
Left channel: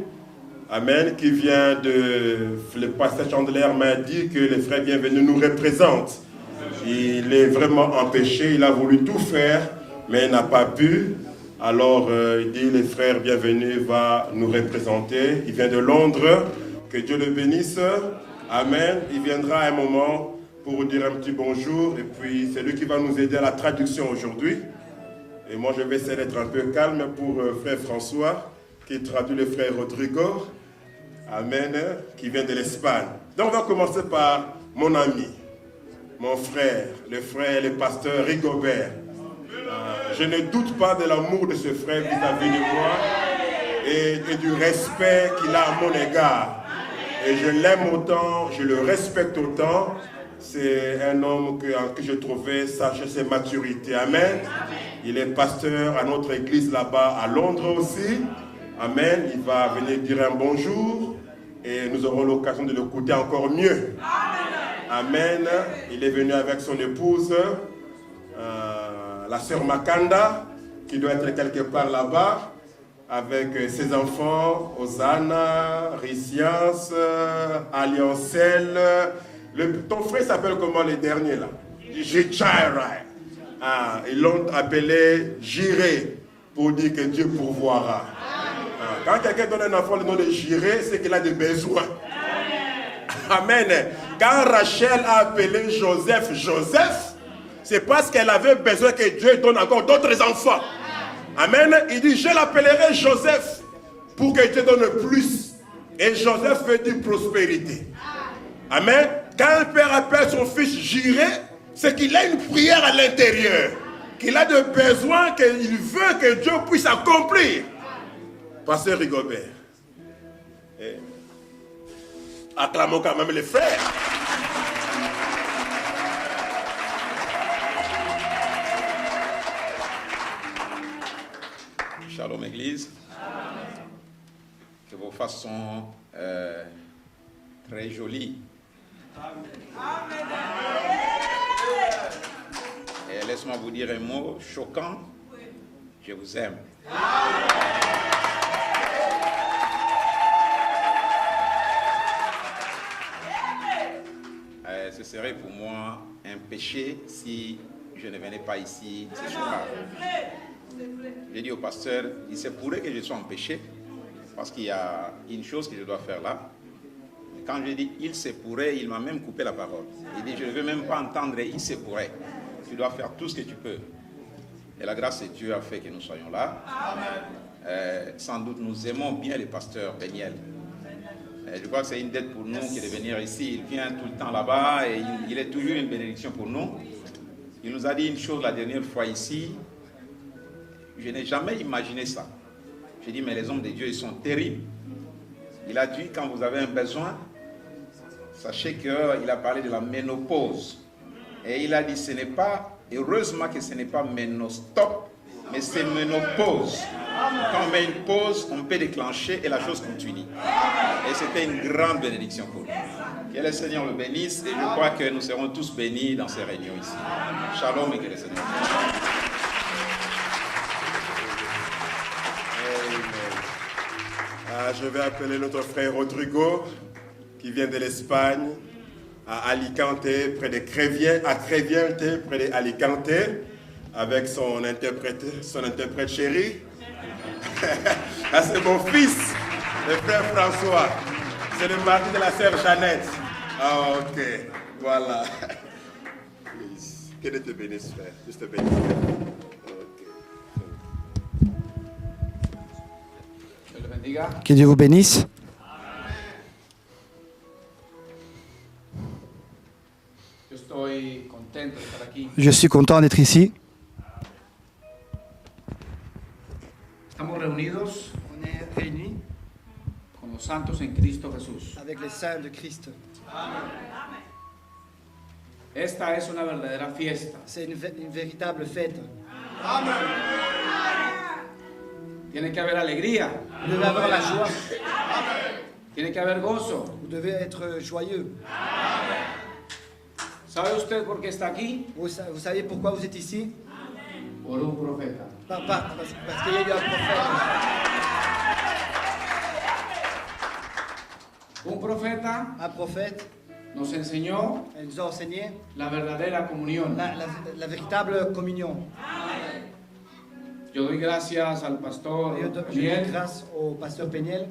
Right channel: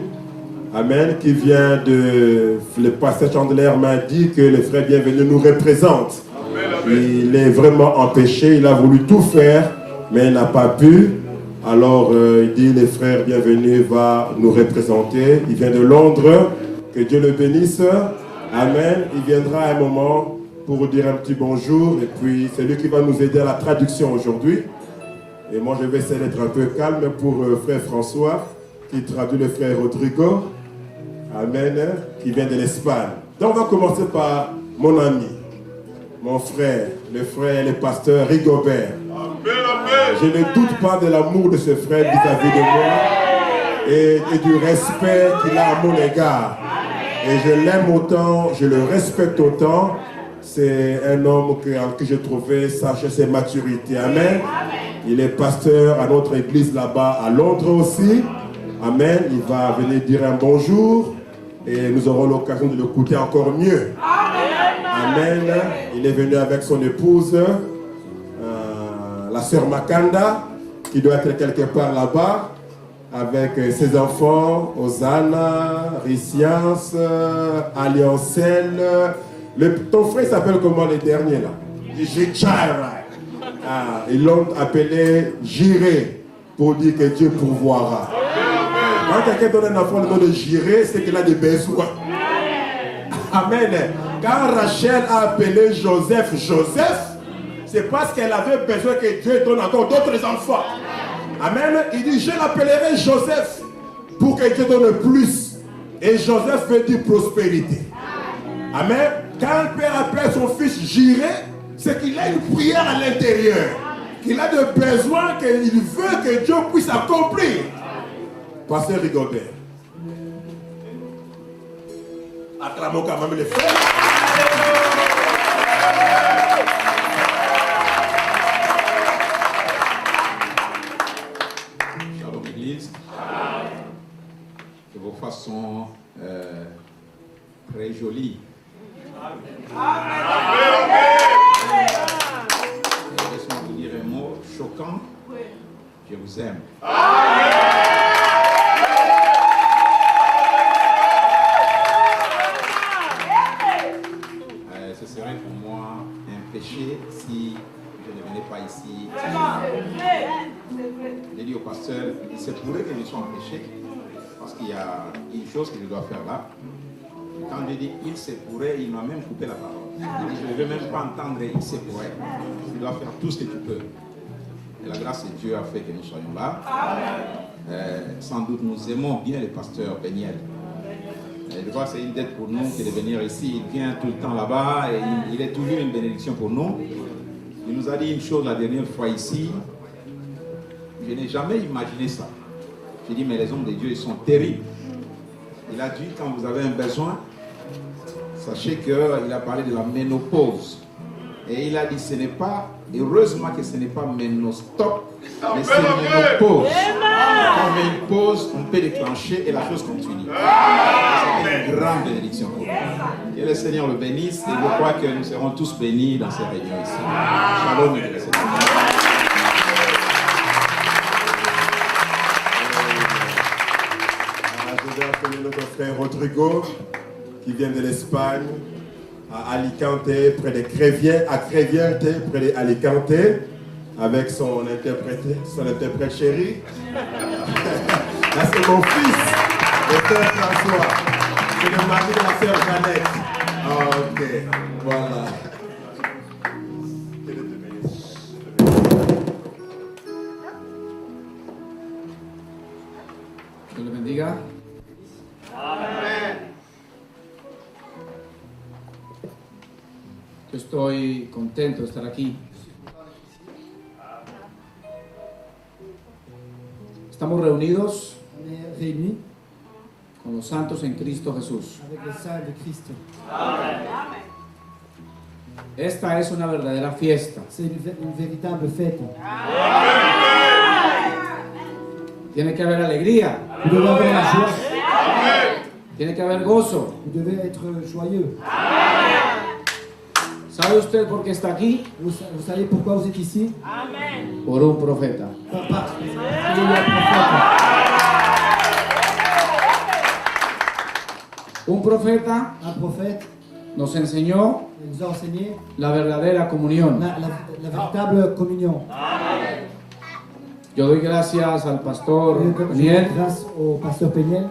Amen. Qui vient de... Le pasteur Chandelier m'a dit que le frère Bienvenu nous représente. Il est vraiment empêché. Il a voulu tout faire, mais il n'a pas pu. Alors, il dit, le frère Bienvenu va nous représenter. Il vient de Londres. Que Dieu le bénisse. Amen. Il viendra à un moment pour vous dire un petit bonjour. Et puis, c'est lui qui va nous aider à la traduction aujourd'hui. Et moi, je vais essayer d'être un peu calme pour frère François, qui traduit le frère Rodrigo. Amen. Qui vient de l'Espagne. Donc, on va commencer par mon ami, mon frère, le frère et le pasteur Rigobert. Je ne doute pas de l'amour de ce frère vis-à-vis de moi et du respect qu'il a à mon égard. Et je l'aime autant, je le respecte autant. C'est un homme en qui j'ai trouvé sagesse et maturité. Amen. Il est pasteur à notre église là-bas à Londres aussi. Amen. Il va venir dire un bonjour et nous aurons l'occasion de l'écouter encore mieux. Amen. Il est venu avec son épouse, la sœur Makanda, qui doit être quelque part là-bas, avec ses enfants, Hosanna, Ricias, Alliancel. Ton frère s'appelle comment le dernier là? Jichara. Ils l'ont appelé Jiré, pour dire que Dieu pourvoira. Quand quelqu'un donne un enfant le nom de Jiré, c'est qu'il a des besoins. Amen. Quand Rachel a appelé Joseph, c'est parce qu'elle avait besoin que Dieu donne encore d'autres enfants. Amen. Il dit, je l'appellerai Joseph pour que Dieu donne plus. Et Joseph veut dire prospérité. Amen. Quand le père appelle son fils Jiré, c'est qu'il a une prière à l'intérieur. Qu'il a des besoins qu'il veut que Dieu puisse accomplir. Pasteur Rigobert. Acclamons quand même les frères. Shalom Église. Que vos faces sont très jolies. Et laisse-moi vous dire un mot choquant. Je vous aime. Ce serait pour moi un péché si je ne venais pas ici. J'ai dit au pasteur, il se pourrait que je sois en péché, parce qu'il y a une chose que je dois faire là. Quand je dis il se pourrait, il m'a même coupé la parole. Il dit, je ne veux même pas entendre il se pourrait. Tu dois faire tout ce que tu peux. Et la grâce de Dieu a fait que nous soyons là. Sans doute nous aimons bien le pasteur Beniel. Je crois que c'est une dette pour nous que de venir ici. Il vient tout le temps là-bas et il est toujours une bénédiction pour nous. Il nous a dit une chose la dernière fois ici. Je n'ai jamais imaginé ça. J'ai dit, mais les hommes de Dieu, ils sont terribles. Il a dit, quand vous avez un besoin, sachez qu'il a parlé de la ménopause. Et il a dit, ce n'est pas, heureusement que ce n'est pas ménostop, mais c'est ménopause. Quand on met une pause, on peut déclencher et la chose continue. Et c'est une grande bénédiction pour nous. Que le Seigneur le bénisse et je crois que nous serons tous bénis dans ces réunions ici. Shalom. Je vais appeler notre frère Rodrigo, qui vient de l'Espagne, à Alicante, près de Crévière, à Créviente, près d'Alicante, avec son interprète chéri. Ah, c'est mon fils. sœur François. C'est le mari de la sœur Jeannette. Ah, ok. Voilà. Que Dieu te bénisse, frère. Dieu te bénisse. Que Dieu vous bénisse. Estoy contento de estar aquí. Je suis content d'être ici. Estamos reunidos On est réunis con los santos en Cristo Jesús. avec les saints de Christ. Esta es una verdadera fiesta. C'est une véritable fête. Tiene que haber alegría. Vous devez avoir la joie. Tiene que haber gozo. Vous devez être joyeux. ¿Sabe usted por qué está aquí? Vous savez pourquoi vous êtes ici? Por un profeta. Parce qu'il y a un prophète. Un profeta Un prophète nos enseñó nous a enseigné la verdadera comunión. la véritable communion. Yo doy gracias al pastor Je dois Miel grâce au pasteur Péniel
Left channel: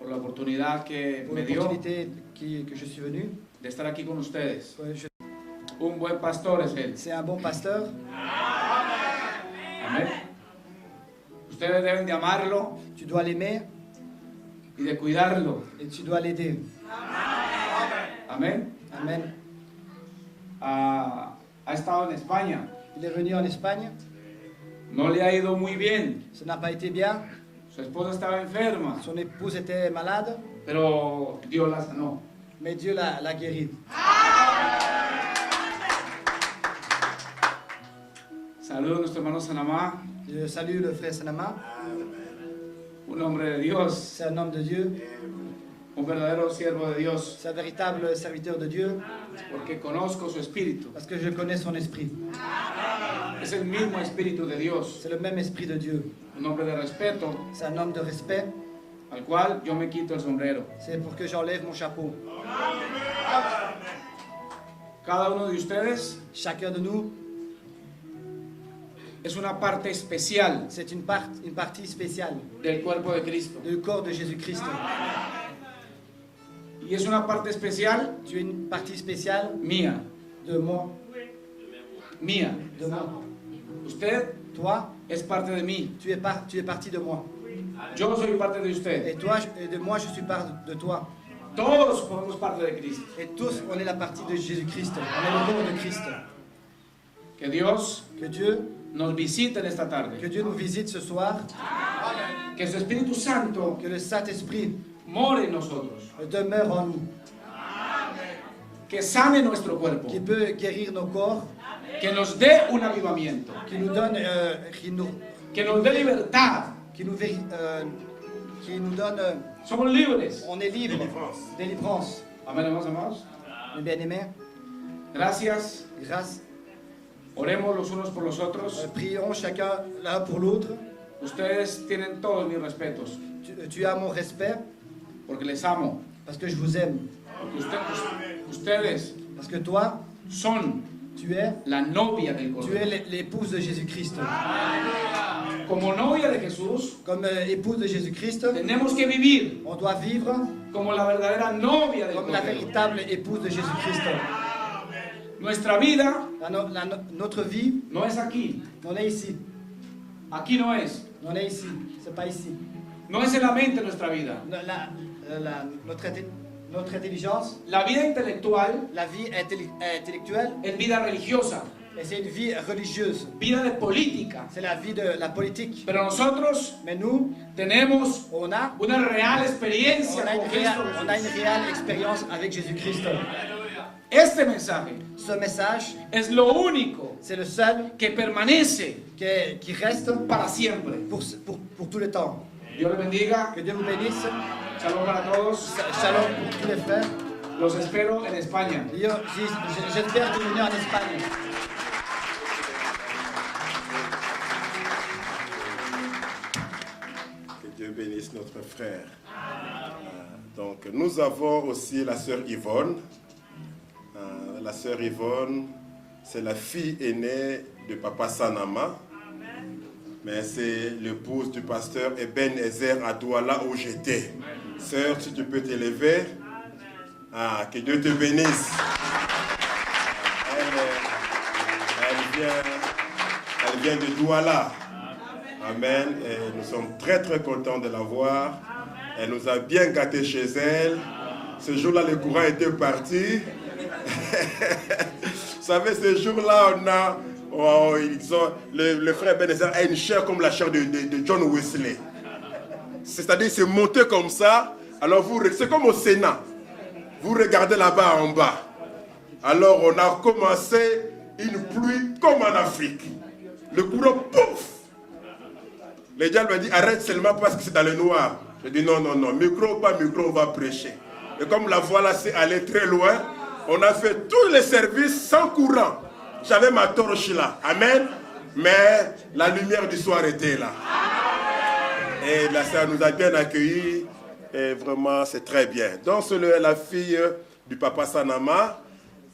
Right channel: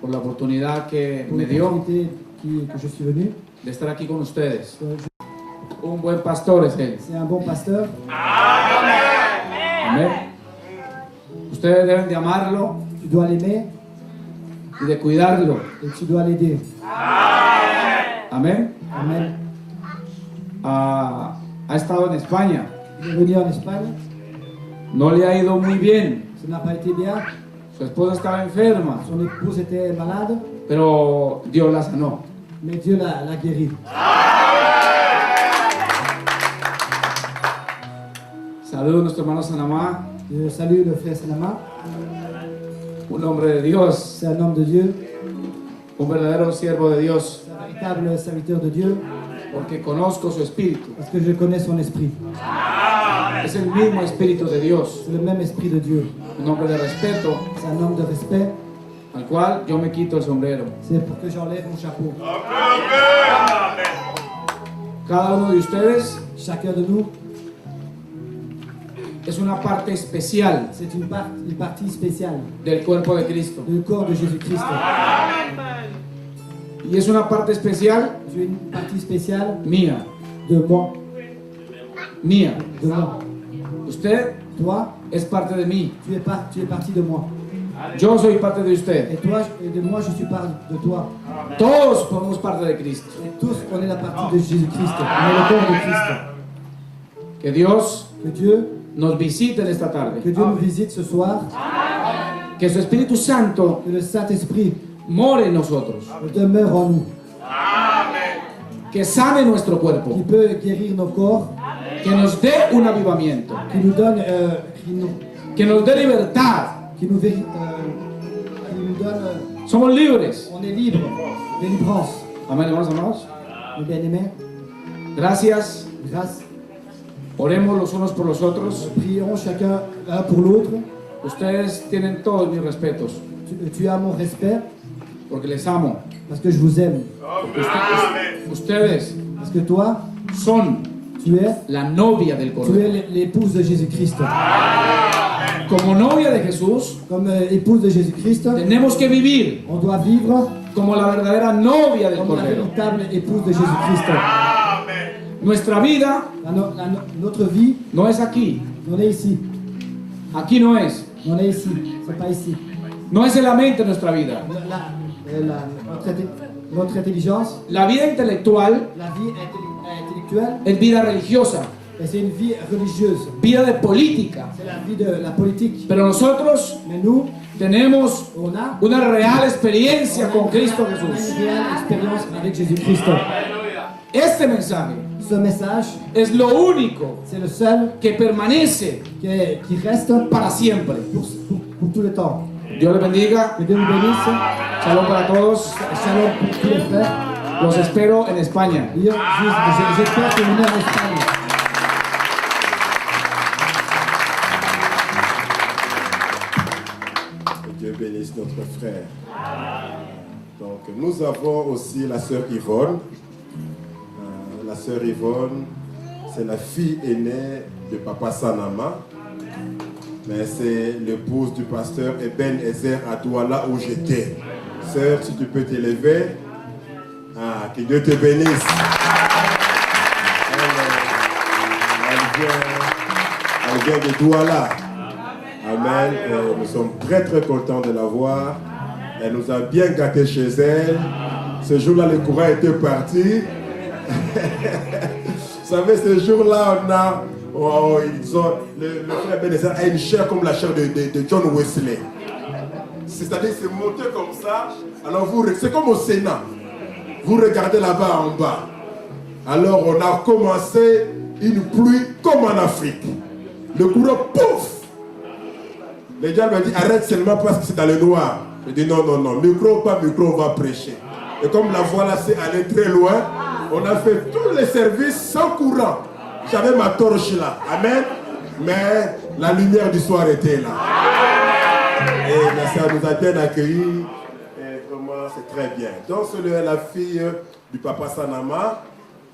por la oportunidad que pour me dio l'opportunité que je suis venu. de estar aquí con ustedes. Un buen pastor es él. C'est un bon pasteur. Amén. Ustedes deben de amarlo Tu dois l'aimer y de cuidarlo. et tu dois l'aider. Amén. Amen. Ha estado en España. Il est venu en Espagne. No le ha ido muy bien. Ça n'a pas été bien. Su esposa estaba enferma, Son épouse était malade, pero Dios la sanó. mais Dieu l'a guéri. Saludos a nuestro hermano Sanamá, Je salue le frère Sanama. un hombre de Dios, C'est un homme de Dieu. un verdadero siervo de Dios, C'est un véritable serviteur de Dieu porque conozco su espíritu. parce que je connais son esprit. Es el mismo espíritu de Dios, C'est le même esprit de Dieu. un hombre de respeto, C'est un homme de respect. al cual yo me quito el sombrero. C'est pour que j'enlève mon chapeau. Cada uno de ustedes Chacun de nous, es una parte especial c'est une partie spéciale del cuerpo de Cristo. du corps de Jésus-Christ. Y es una parte especial Tu es une partie spéciale mía, de moi. mía. De moi. Usted Toi, es parte de mí. tu es partie de moi. Yo soy parte de usted. Et toi, de moi, je suis part de toi. Todos formamos parte de Cristo. Et tous, on est la partie de Jésus-Christ. On est le corps de Christ. Que Dios Que Dieu, nos visite en esta tarde. que Dieu nous visite ce soir. Que su Espíritu Santo Que le Saint-Esprit more en nosotros. demeure en nous. Que sane nuestro cuerpo. Qui peut guérir nos corps. Que nos dé un avivamiento. Qui nous donne, Que nos dé libertad. qui nous donne, Somos libres. on est libre, délivrance. Amén, hermanos, hermanos. Bien-aimés, Gracias. grâce, Oremos los unos por los otros. prions chacun l'un pour l'autre. Ustedes tienen todos mis respetos. Tu as mon respect Porque les amo. parce que je vous aime. Ustedes Parce que toi, son tu es la novia del Tu Cordero. es l'épouse de Jésus-Christ. Como novia de Jesús, Comme épouse de Jésus-Christ, tenemos que vivir on doit vivre como la verdadera novia del comme la Cordero. véritable épouse de Jésus-Christ. Nuestra vida Notre vie, no es aquí. on est ici. Aquí no es. On est ici. C'est pas ici. No es solamente nuestra vida. Notre intelligence, La vida intelectual la vie intellectuelle, es vida religiosa, et c'est une vie religieuse. vida de política. C'est la vie de la politique. Pero nosotros Mais nous, tenemos on a una real experiencia con Cristo une Jesús. réelle expérience avec Jésus-Christ. Este mensaje Ce message, es lo único c'est le seul que permanece qui reste para siempre. pour tout le temps. Dios les bendiga. Que Dieu nous bénisse. Shalom para todos. Shalom pour tous les frères. Los espero en España. J'espère que vous venez en Espagne. Que Dieu bénisse notre frère. Donc, nous avons aussi la sœur Yvonne. La sœur Yvonne, c'est la fille aînée de Papa Sanama. mais c'est l'épouse du pasteur Eben Ezer à Douala où j'étais. Sœur, si tu peux t'élever. Ah, que Dieu te bénisse. Elle vient de Douala. Amen. Nous sommes très très contents de la voir. Elle nous a bien gâtés chez elle. Ce jour-là, le courant était parti. Vous savez, ce jour-là, on a... Oh, le frère Ebenezer a une chair comme la chair de John Wesley. C'est-à-dire, c'est monté comme ça. Alors, c'est comme au Sénat. Vous regardez là-bas en bas. Alors, on a commencé une pluie comme en Afrique. Le courant, pouf! Les gens me disent, arrête seulement parce que c'est dans le noir. Je dis, non, non, non, micro, pas micro, on va prêcher. Et comme la voie là, c'est allé très loin, on a fait tous les services sans courant. J'avais ma torche là. Amen. Mais la lumière du soir était là. Et la sœur nous a bien accueillis. Et vraiment, c'est très bien. Donc, c'est la fille du papa Sanama.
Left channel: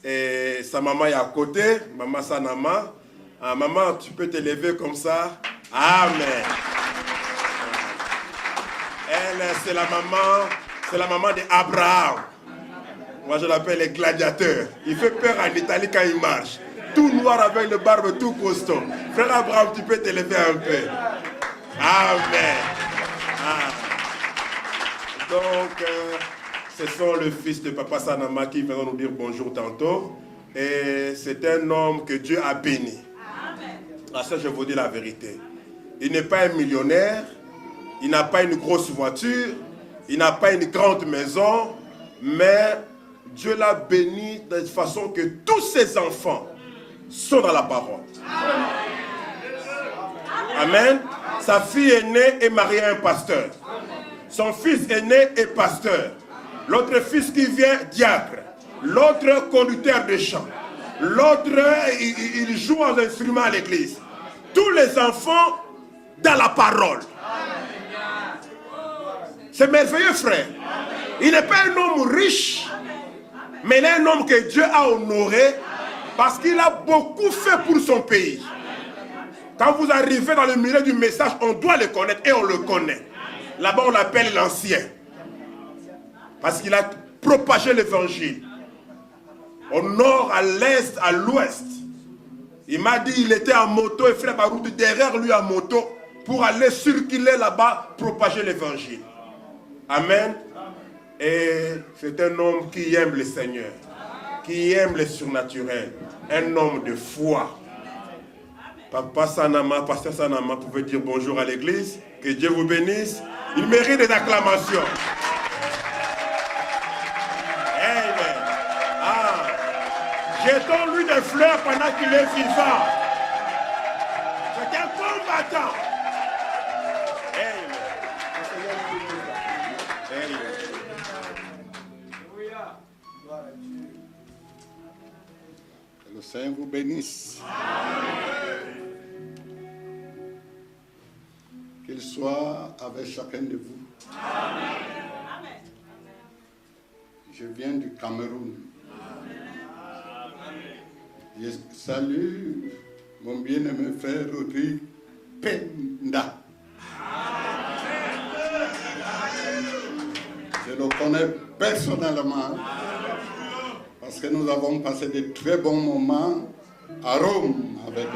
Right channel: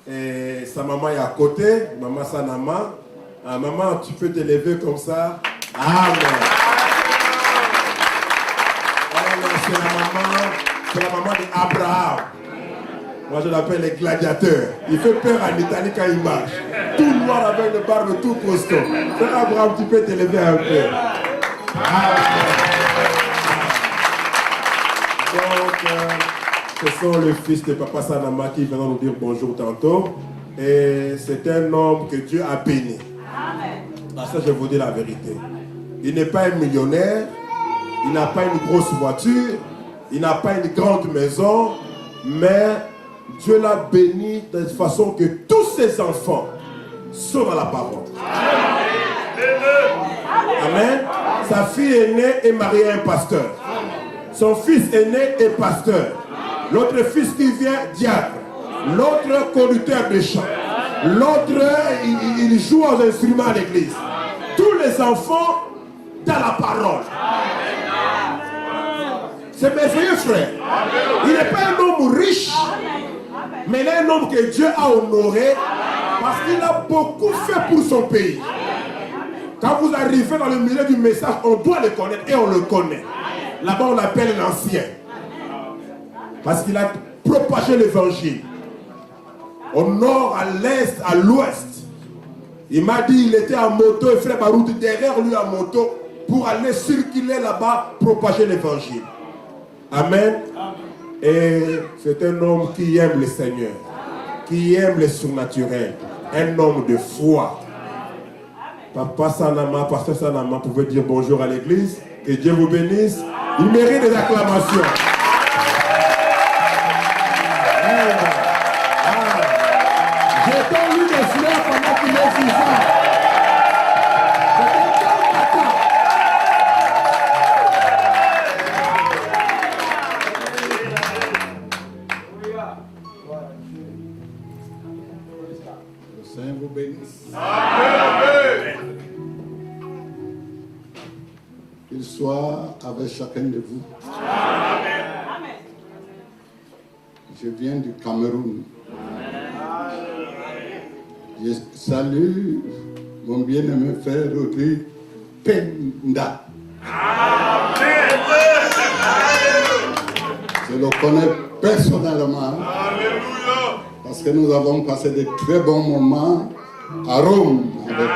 Et sa maman est à côté, maman Sanama. Ah, maman, tu peux t'élever comme ça. Amen. C'est la maman d'Abraham. Moi, je l'appelle les gladiateurs. Il fait peur en Italie quand il marche. Tout noir avec le barbe, tout costaud. Frère Abraham, tu peux t'élever un peu. Amen. Donc, ce sont le fils de Papa Sanama qui vient nous dire bonjour tantôt. Et c'est un homme que Dieu a béni. Parce que je vous dis la vérité. Il n'est pas un millionnaire. Il n'a pas une grosse voiture. Il n'a pas une grande maison. Mais Dieu l'a béni de façon que tous ses enfants sont dans la parole. Amen. Sa fille aînée est mariée à un pasteur. Son fils aîné est pasteur. L'autre fils qui vient, diacre. L'autre conducteur de chant. L'autre, il joue aux instruments à l'église. Tous les enfants dans la parole. C'est merveilleux, frère. Il n'est pas un homme riche, mais il est un homme que Dieu a honoré parce qu'il a beaucoup fait pour son pays. Quand vous arrivez dans le milieu du message, on doit le connaître et on le connaît. Là-bas, on l'appelle l'ancien. Parce qu'il a propagé l'évangile. Au nord, à l'est, à l'ouest. Il m'a dit qu'il était en moto et frère Barou derrière lui en moto pour aller circuler là-bas, propager l'évangile. Amen. Et c'est un homme qui aime le Seigneur, qui aime les surnaturels, un homme de foi. Papa Sanama, pasteur Sanama, pouvait dire bonjour à l'église. Que Dieu vous bénisse. Il mérite des acclamations. J'ai entendu des frères pendant qu'il est 6 ans. Le Seigneur vous bénisse. Amen. Qu'il soit avec chacun de vous. Amen. Je viens du Cameroun. Je salue mon bien-aimé frère Rodrigue Penda. Je le connais personnellement parce que nous avons passé de très bons moments à Rome avec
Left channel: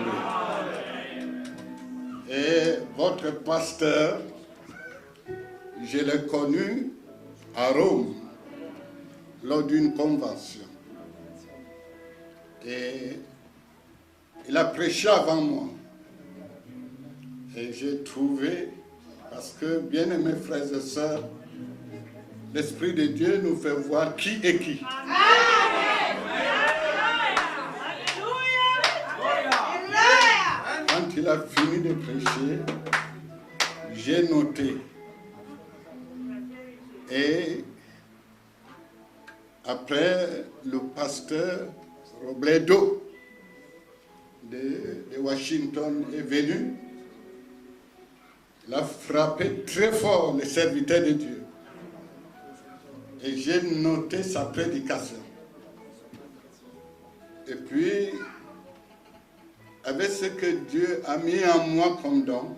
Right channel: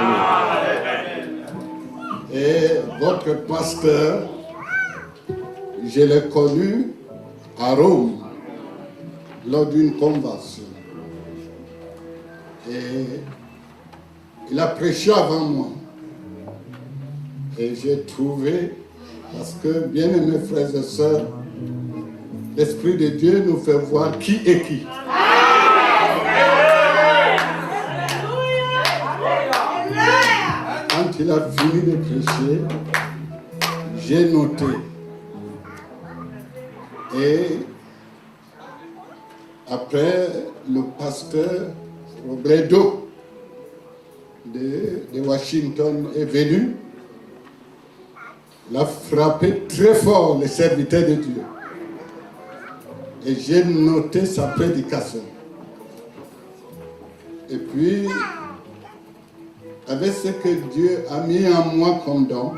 lui. Et votre pasteur, je l'ai connu à Rome lors d'une convention. Et il a prêché avant moi. Et j'ai trouvé, parce que, bien aimés frères et sœurs, l'Esprit de Dieu nous fait voir qui est qui. Quand il a fini de prêcher, j'ai noté. Et après, le pasteur Robledo de Washington est venu. Il a frappé très fort les serviteurs de Dieu. Et j'ai noté sa prédication. Et puis, avec ce que Dieu a mis en moi comme don,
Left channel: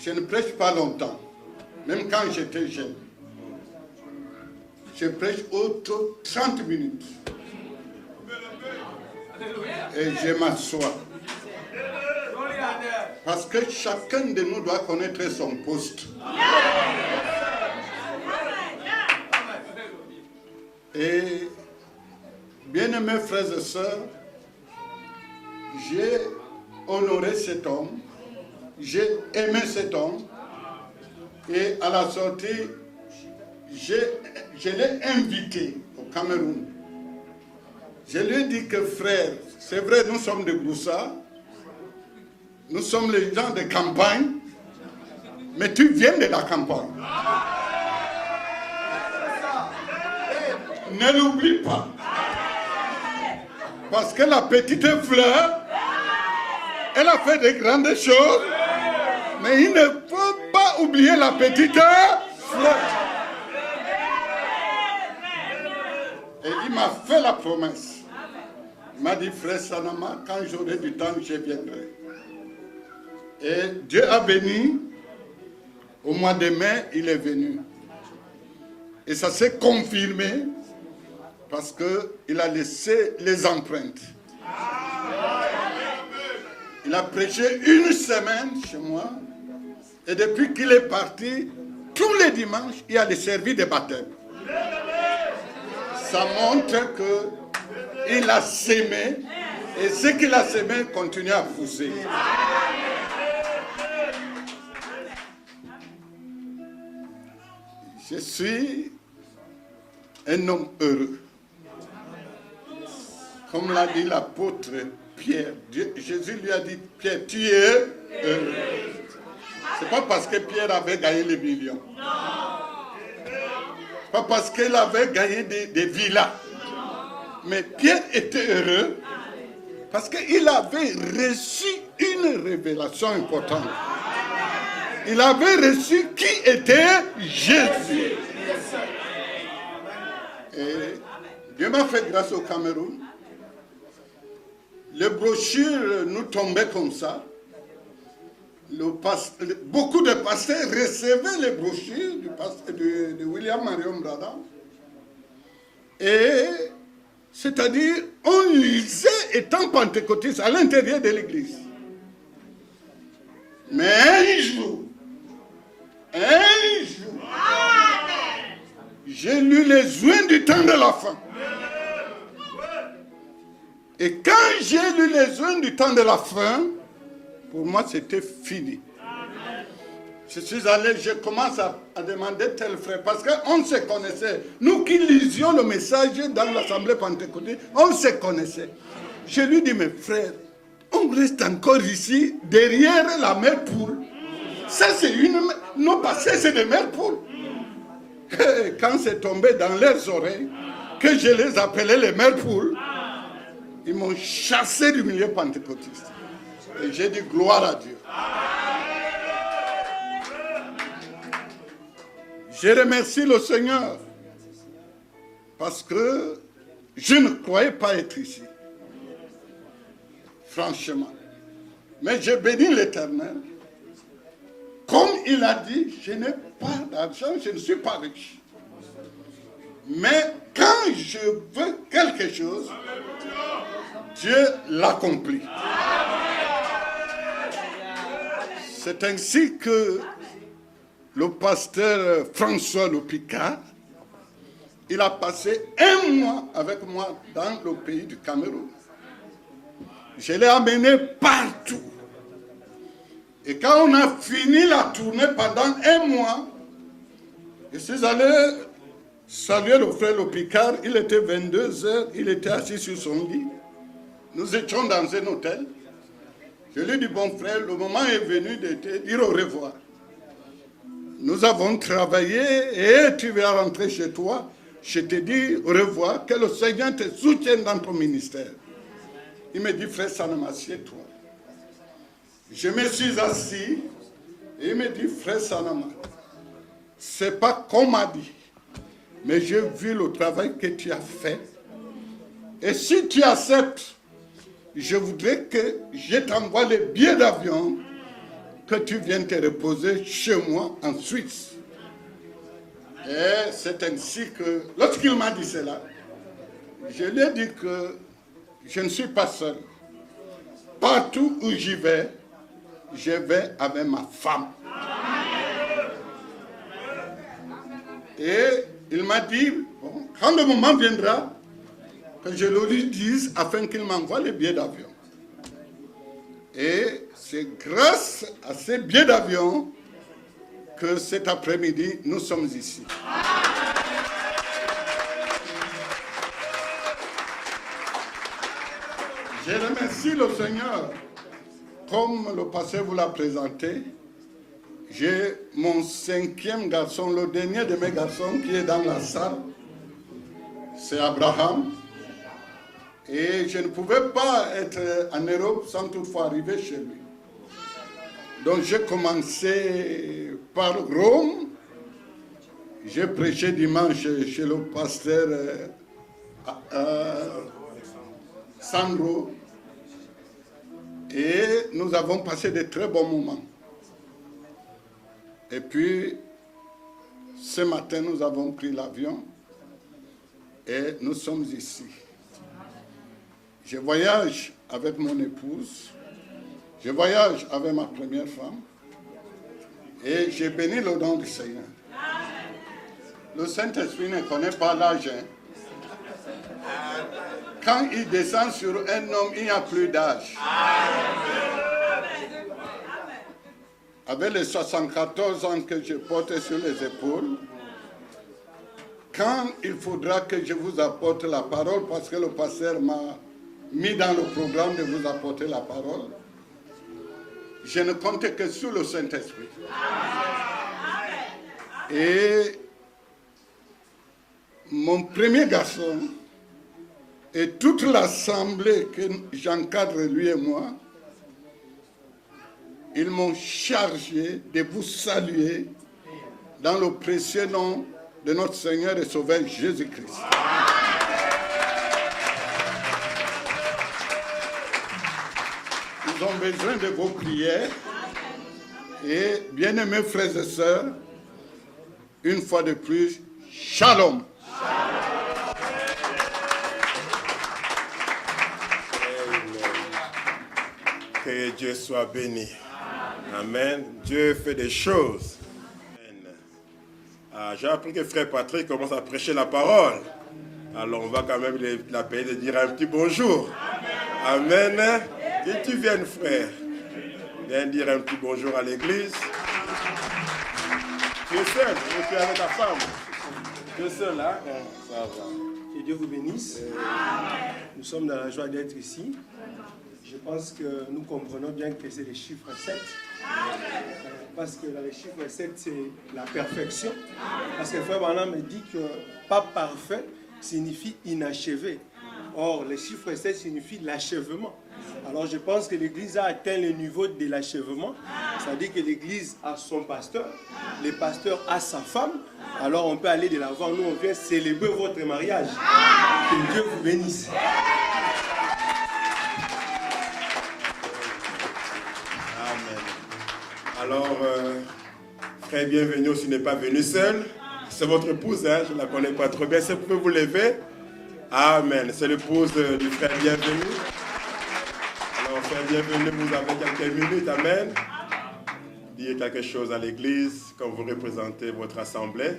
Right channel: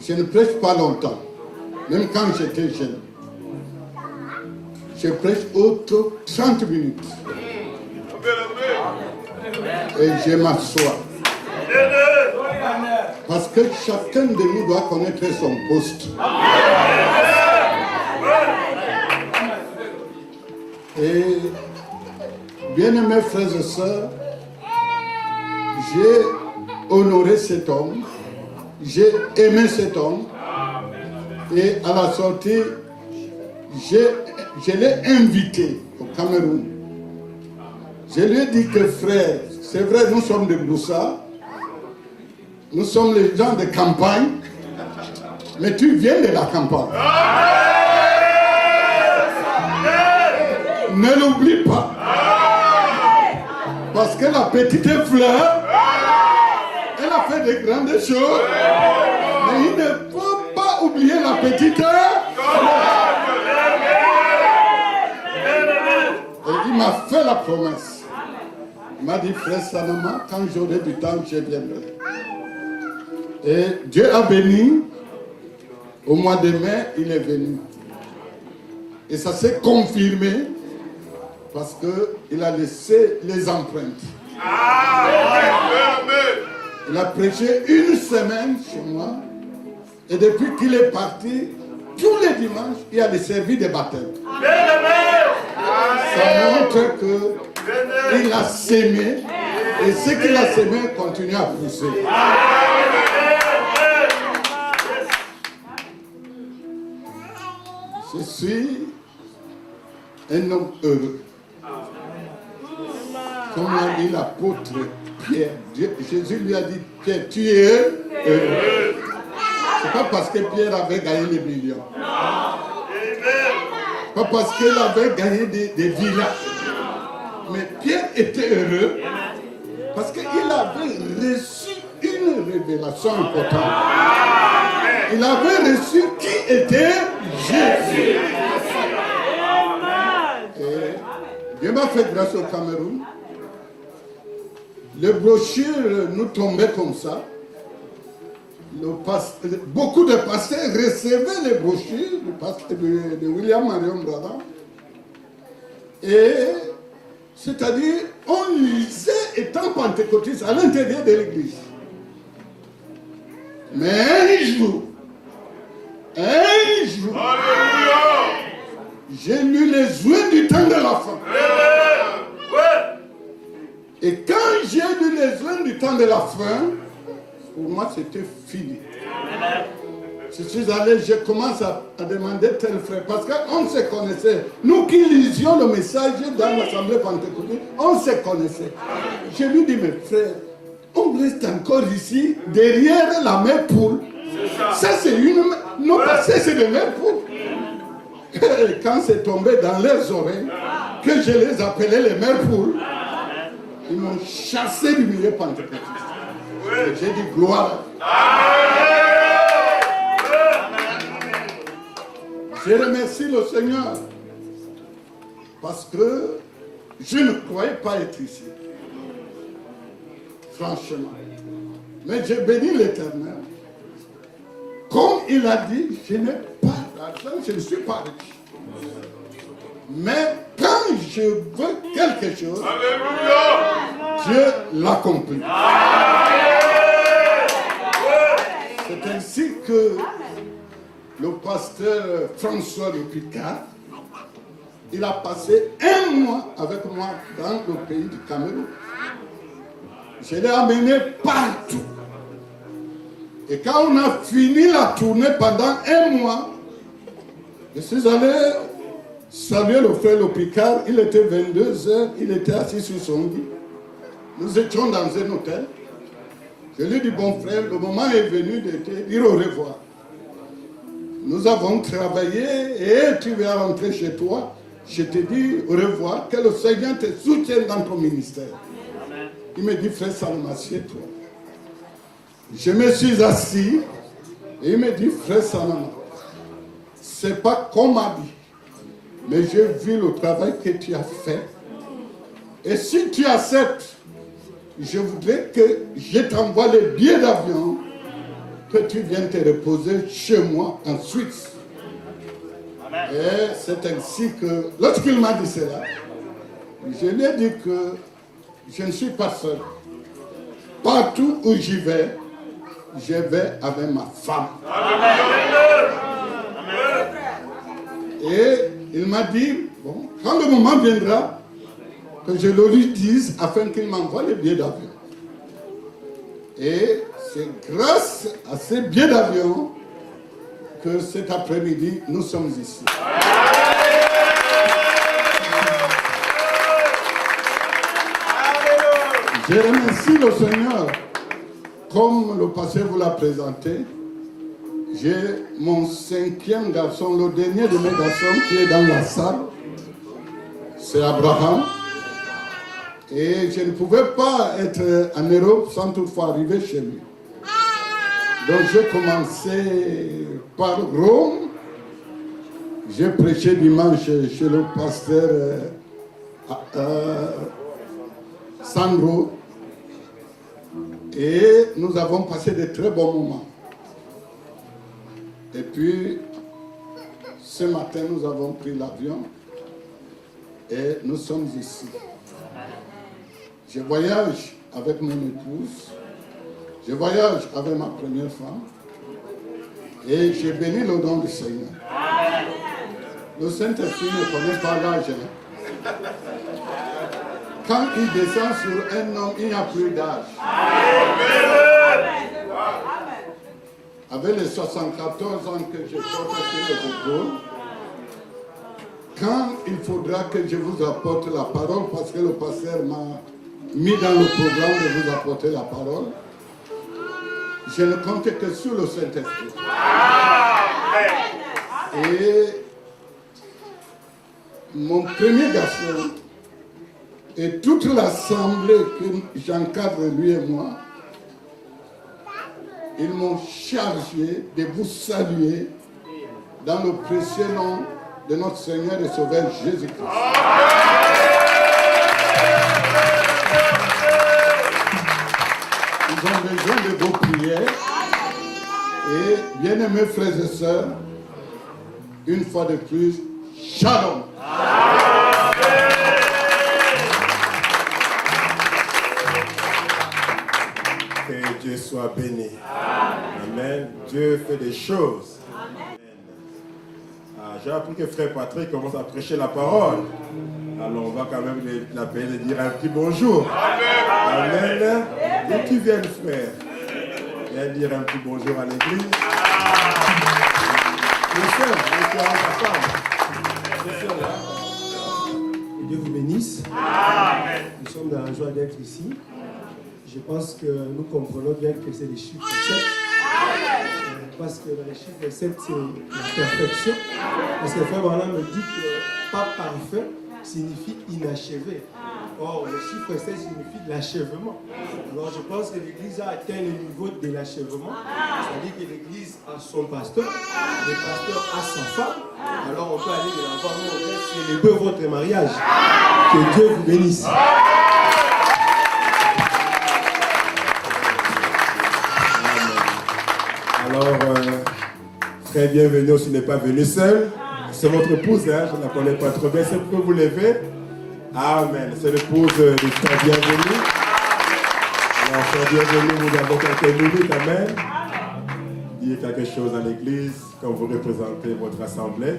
je ne prêche pas longtemps, même quand j'étais jeune. Je prêche autre 30 minutes. Et je m'assois. Parce que chacun de nous doit connaître son poste. Et bien-aimés frères et sœurs, j'ai honoré cet homme, j'ai aimé cet homme, et à la sortie, je l'ai invité au Cameroun. Je lui ai dit que frère, c'est vrai, nous sommes de Boussa, nous sommes les gens de campagne, mais tu viens de la campagne. Ne l'oublie pas. Parce que la petite fleur, elle a fait de grandes choses, mais il ne faut pas oublier la petite fleur. Et il m'a fait la promesse. Il m'a dit, frère Sanama, quand j'aurai du temps, je viendrai. Et Dieu a béni. Au mois de mai, il est venu. Et ça s'est confirmé parce qu'il a laissé les empreintes. Il a prêché une semaine chez moi. Et depuis qu'il est parti, tous les dimanches, il y a des services de baptême. Ça montre qu'il a sémé. Et ce qu'il a sémé continue à pousser. Je suis un homme heureux. Comme l'a dit l'apôtre Pierre, Jésus lui a dit, Pierre, tu es heureux. C'est pas parce que Pierre avait gagné les millions. Pas parce qu'il avait gagné des villages. Mais Pierre était heureux parce qu'il avait reçu une révélation importante. Il avait reçu qui était Jésus. Et Dieu m'a fait grâce au Cameroun. Les brochures nous tombaient comme ça. Beaucoup de pasteurs recevaient les brochures du pasteur de William Marion Brada. Et c'est-à-dire, on lisait étant pentecôtiste à l'intérieur de l'église. Mais un jour, j'ai lu les joints du temps de la fin. Et quand j'ai lu les joints du temps de la fin, pour moi c'était fini. Je suis allé, je commence à demander tel frère, parce qu'on se connaissait. Nous qui lisions le message dans l'assemblée pentecôtiste, on se connaissait. Je lui dis, mes frères, on reste encore ici, derrière la même poule. Ça c'est une... Non, parce que c'est des mêmes poules. Quand c'est tombé dans leurs oreilles, que je les appelais les mêmes poules, ils m'ont chassé du milieu pentecôtiste. Et j'ai dit gloire à Dieu. Je remercie le Seigneur parce que je ne croyais pas être ici. Franchement. Mais je bénis l'Éternel. Comme il a dit, je n'ai pas d'argent, je ne suis pas riche. Mais quand je veux quelque chose, Dieu l'accomplit. C'est ainsi que le pasteur François de Picard, il a passé un mois avec moi dans le pays du Cameroun. Je l'ai amené partout. Et quand on a fini la tournée pendant un mois, je suis allé saluer le frère Le Picard. Il était 22h, il était assis sur son lit. Nous étions dans un hôtel. Je lui ai dit, bon frère, le moment est venu de te dire au revoir. Nous avons travaillé et tu vas rentrer chez toi. Je te dis au revoir, que le Seigneur te soutienne dans ton ministère. Il me dit, frère Salama, assieds-toi. Je me suis assis et il me dit, frère Salama, c'est pas qu'on m'a dit, mais j'ai vu le travail que tu as fait. Et si tu acceptes, je voudrais que je t'envoie les billets d'avion que tu viennes te reposer chez moi en Suisse. Et c'est ainsi que, lorsqu'il m'a dit cela, je lui ai dit que je ne suis pas seul. Partout où j'y vais, je vais avec ma femme. Et il m'a dit, bon, quand le moment viendra, que je le lui dise afin qu'il m'envoie les billets d'avion. Et c'est grâce à ces billets d'avion que cet après-midi, nous sommes ici. Je remercie le Seigneur. Comme le pasteur vous l'a présenté, j'ai mon 5e garçon, le dernier de mes garçons qui est dans la salle. C'est Abraham. Et je ne pouvais pas être en Europe sans toutefois arriver chez lui. Donc j'ai commencé par Rome. J'ai prêché dimanche chez le pasteur Sandro. Et nous avons passé de très bons moments. Et puis, ce matin, nous avons pris l'avion et nous sommes ici. Je voyage avec mon épouse, je voyage avec ma première femme et j'ai béni le nom du Seigneur. Le Saint-Esprit ne connaît pas l'âge. Quand il descend sur un homme, il n'y a plus d'âge. Avec les 74 ans que je porte sur les épaules, quand il faudra que je vous apporte la parole, parce que le pasteur m'a mis dans le programme de vous apporter la parole, je ne comptais que sur le Saint-Esprit. Et mon premier garçon et toute l'assemblée que j'encadre, lui et moi, ils m'ont chargé de vous saluer dans le précieux nom de notre Seigneur et Sauveur Jésus-Christ. Ils ont besoin de vos prières. Et bien-aimés frères et sœurs, une fois de plus, shalom. Que Dieu soit béni. Amen. Dieu fait des choses. J'ai appris que frère Patrick commence à prêcher la parole. Alors on va quand même l'appeler de dire un petit bonjour. Amen. Et tu viens, frère. Viens dire un petit bonjour à l'église. Que Dieu vous bénisse. Nous sommes dans la joie d'être ici. Je pense que nous comprenons bien que c'est les chiffres 7. Parce que les chiffres 7, c'est la perfection. Parce que Frère Branham me dit que pas parfait signifie inachevé. Or, le chiffre 7 signifie l'achèvement. Alors, je pense que l'Église a atteint le niveau de l'achèvement. C'est-à-dire que l'Église a son pasteur, le pasteur a sa femme. Alors, on peut aller de l'avant. Nous, on peut célébrer votre mariage. Que Dieu vous bénisse. Alors, très bienvenue, si n'est pas venu seul. C'est votre épouse, hein, je ne la connais pas trop bien. Si vous pouvez vous lever. Amen. C'est l'épouse du frère bienvenu. Alors, frère bienvenu, nous avons quelques minutes. Amen. Dites quelque chose à l'église quand vous représentez votre assemblée.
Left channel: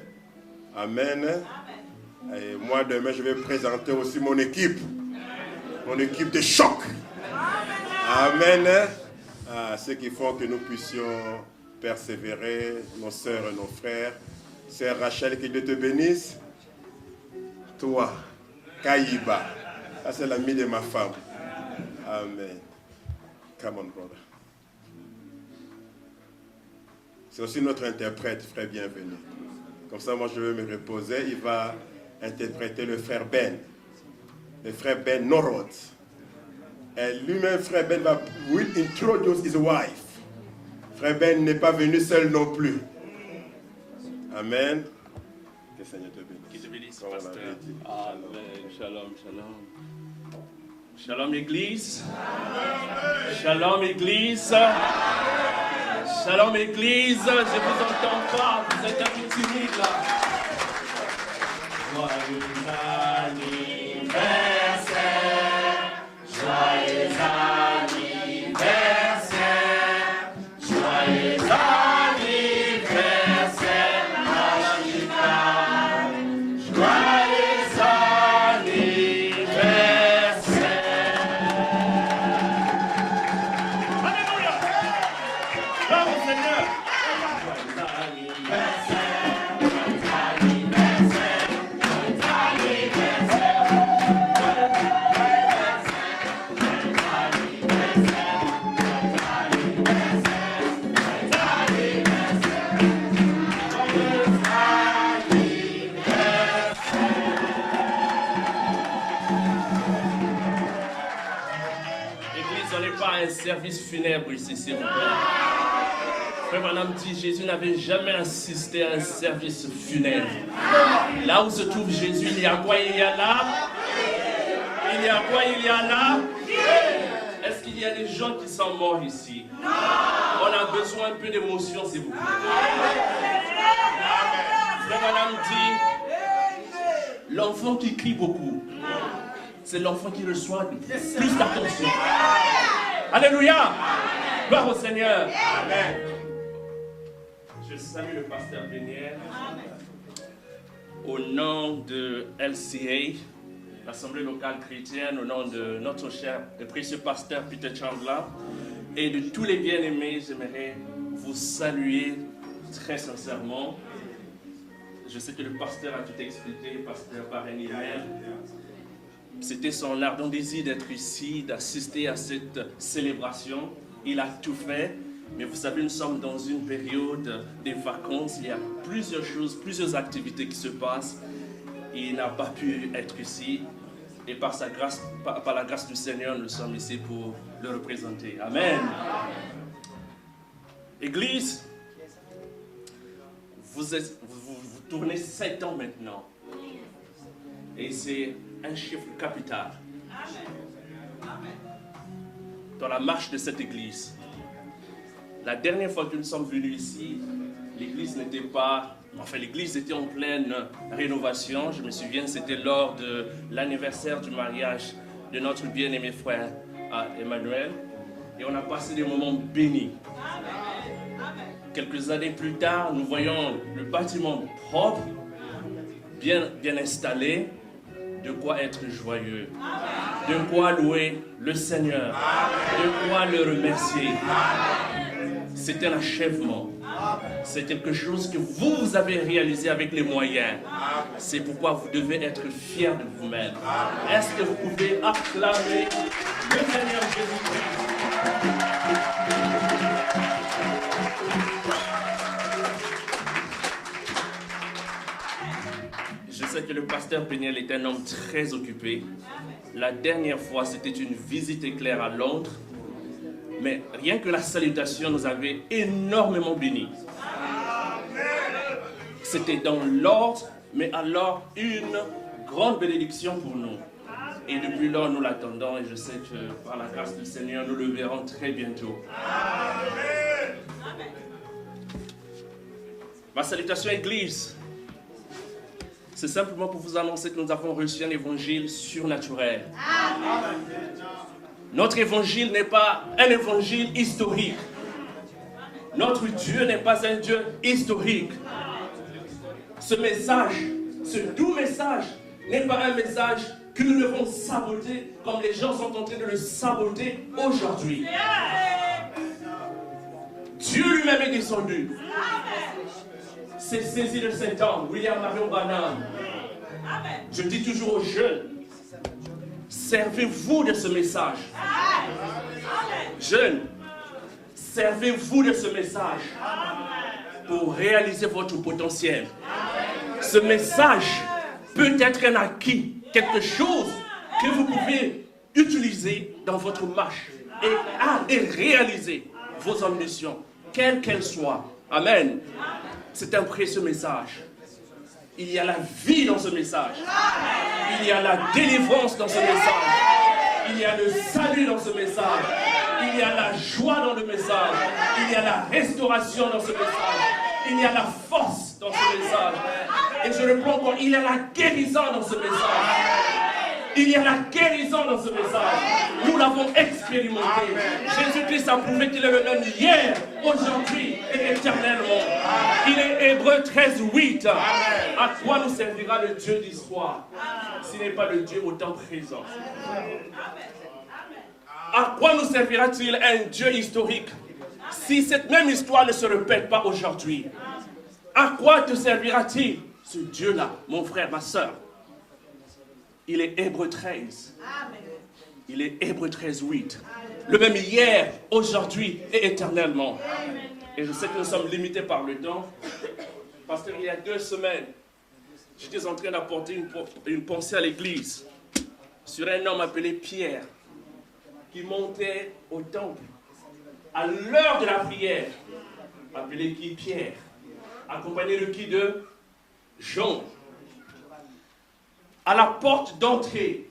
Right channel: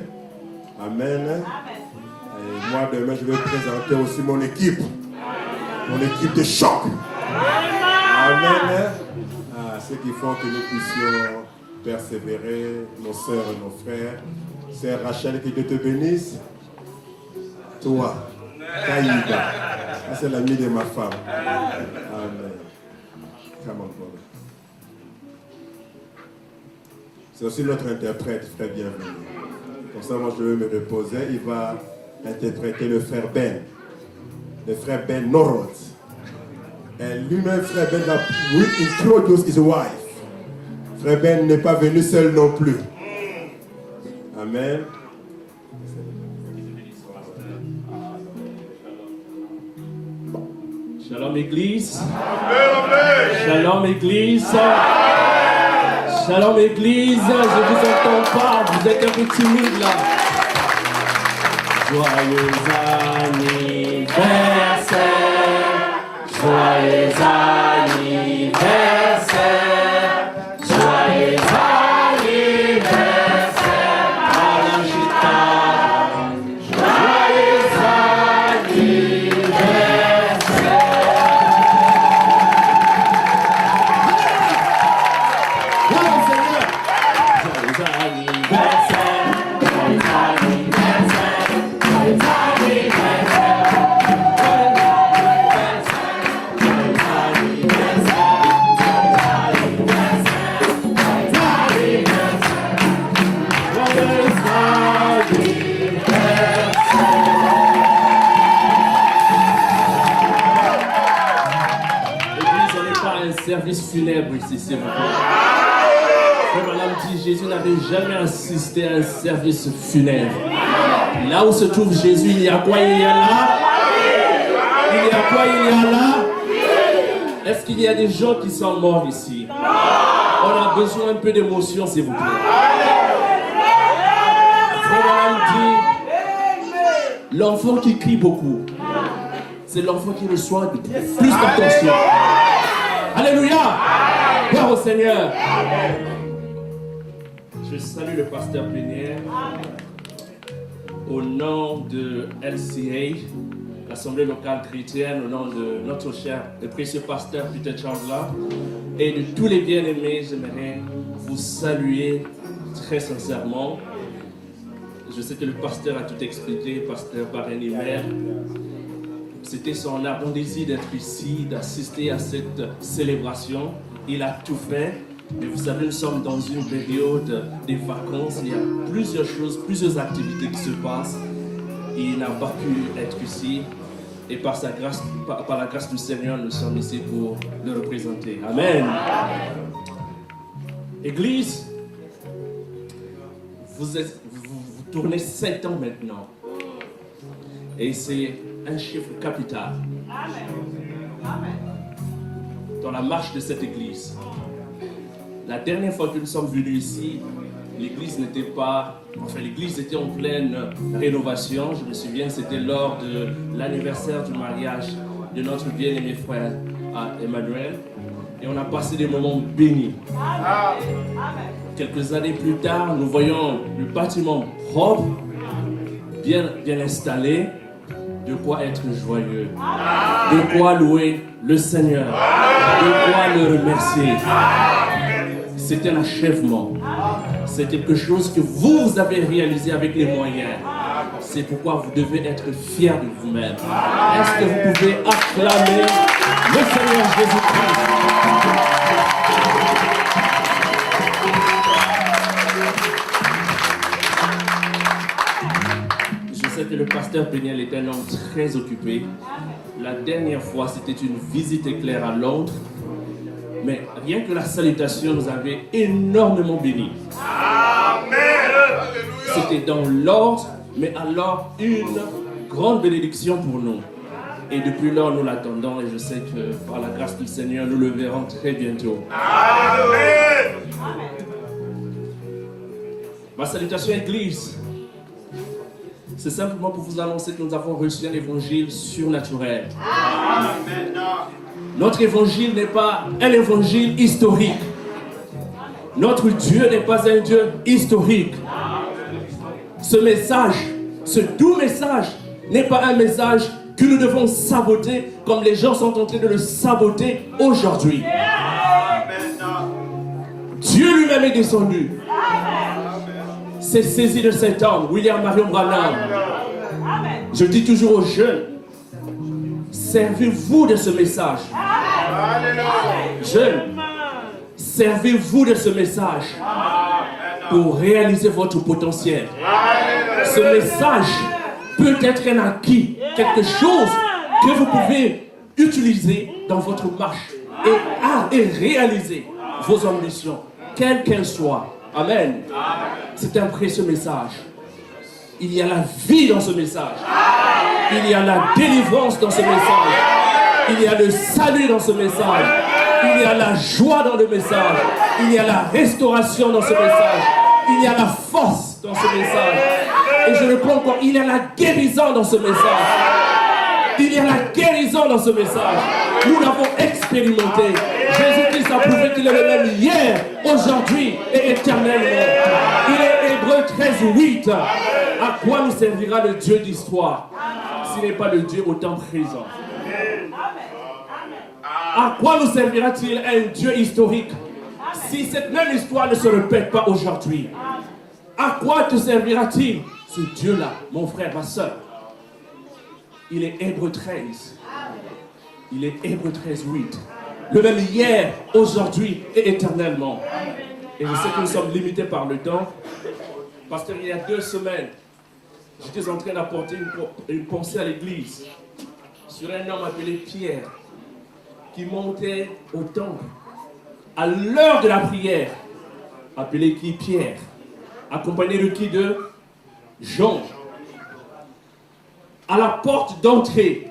Amen. Et moi, demain, je vais présenter aussi mon équipe. Mon équipe de choc. Amen. Ceux qui font que nous puissions persévérer, nos sœurs et nos frères. Sœur Rachel, que Dieu te bénisse. Toi, Taïba, c'est l'ami de ma femme. Amen. Come on, brother. C'est aussi notre interprète, frère bienvenu. Comme ça, moi, je vais me reposer. Il va interpréter le frère Ben. Le frère Ben Norot. Et lui-même, frère Ben, va introduce his wife. Frère Ben n'est pas venu seul non plus. Amen. Shalom Église. Shalom Église. Shalom Église, je vous entends pas, vous êtes un peu timide là. Joyeux anniversaire, joyeux anniversaire, joyeux anniversaire, Malachita, joyeux anniversaire. Bravo Seigneur. Joyeux anniversaire, joyeux anniversaire, joyeux service funèbre ici, s'il vous plaît. Comme madame dit, Jésus n'avait jamais assisté à un service funèbre. Là où se trouve Jésus, il y a quoi? Il y a là? Il y a quoi? Il y a là? Est-ce qu'il y a des gens qui sont morts ici? On a besoin un peu d'émotion, s'il vous plaît. Madame dit, l'enfant qui crie beaucoup, c'est l'enfant qui reçoit de plus d'attention. Alléluia! Gloire au Seigneur! Je salue le pasteur Plénière au nom de LCA, l'Assemblée locale chrétienne, au nom de notre cher et précieux pasteur Peter Chandler et de tous les bien-aimés. J'aimerais vous saluer très sincèrement. Je sais que le pasteur a tout expliqué, pasteur Barren-Hiver. C'était son ardent désir d'être ici, d'assister à cette célébration. Il a tout fait. Et vous savez, nous sommes dans une période des vacances. Il y a plusieurs choses, plusieurs activités qui se passent. Il n'a pas pu être ici. Et par sa grâce, par la grâce du Seigneur, nous sommes ici pour le représenter. Amen. Église, vous tournez 7 ans maintenant. Et c'est un chiffre capital dans la marche de cette église. La dernière fois que nous sommes venus ici, l'église n'était pas... Enfin, l'église était en pleine rénovation. Je me souviens, c'était lors de l'anniversaire du mariage de notre bien-aimé frère Emmanuel. Et on a passé des moments bénis. Quelques années plus tard, nous voyons le bâtiment propre, bien installé. De quoi être joyeux, de quoi louer le Seigneur, de quoi le remercier. C'est un achèvement. C'est quelque chose que vous avez réalisé avec les moyens. C'est pourquoi vous devez être fiers de vous-même. Est-ce que vous pouvez acclamer le Seigneur Jésus-Christ? Je sais que le pasteur Péniel est un homme très occupé. La dernière fois, c'était une visite éclair à Londres. Mais rien que la salutation nous avait énormément bénis. C'était dans l'ordre, mais alors une grande bénédiction pour nous. Et depuis lors, nous l'attendons et je sais que par la grâce du Seigneur, nous le verrons très bientôt. Amen. Ma salutation Église, c'est simplement pour vous annoncer que nous avons reçu un évangile surnaturel. Amen. Notre évangile n'est pas un évangile historique. Notre Dieu n'est pas un Dieu historique. Ce message, ce doux message, n'est pas un message que nous devons saboter comme les gens sont en train de le saboter aujourd'hui. Dieu lui-même est descendu. S'est saisi de cet homme, William Marion Branham. Je dis toujours aux jeunes, servez-vous de ce message. Jeunes, servez-vous de ce message pour réaliser votre potentiel. Ce message peut être un acquis, quelque chose que vous pouvez utiliser dans votre marche et réaliser vos ambitions, quelles qu'elles soient. Amen. C'est un précieux message. Il y a la vie dans ce message. Il y a la délivrance dans ce message. Il y a le salut dans ce message. Il y a la joie dans le message. Il y a la restauration dans ce message. Il y a la force dans ce message. Et je le prends encore, il y a la guérison dans ce message. Il y a la guérison dans ce message. Nous l'avons expérimenté. Jésus-Christ a prouvé qu'il est le même hier, aujourd'hui et éternellement. Il est Hébreux 13:8. À quoi nous servira le Dieu d'histoire s'il n'est pas le Dieu au temps présent? À quoi nous servira-t-il un Dieu historique si cette même histoire ne se répète pas aujourd'hui? À quoi te servira-t-il ce Dieu-là, mon frère, ma soeur? Il est Hébreux 13. Il est Hébreux 13:8. Le même hier, aujourd'hui et éternellement. Et je sais que nous sommes limités par le temps. Parce qu'il y a 2 semaines, j'étais en train d'apporter une pensée à l'église sur un homme appelé Pierre qui montait au temple à l'heure de la prière, appelé qui? Pierre, accompagné de qui? De Jean. À la porte d'entrée,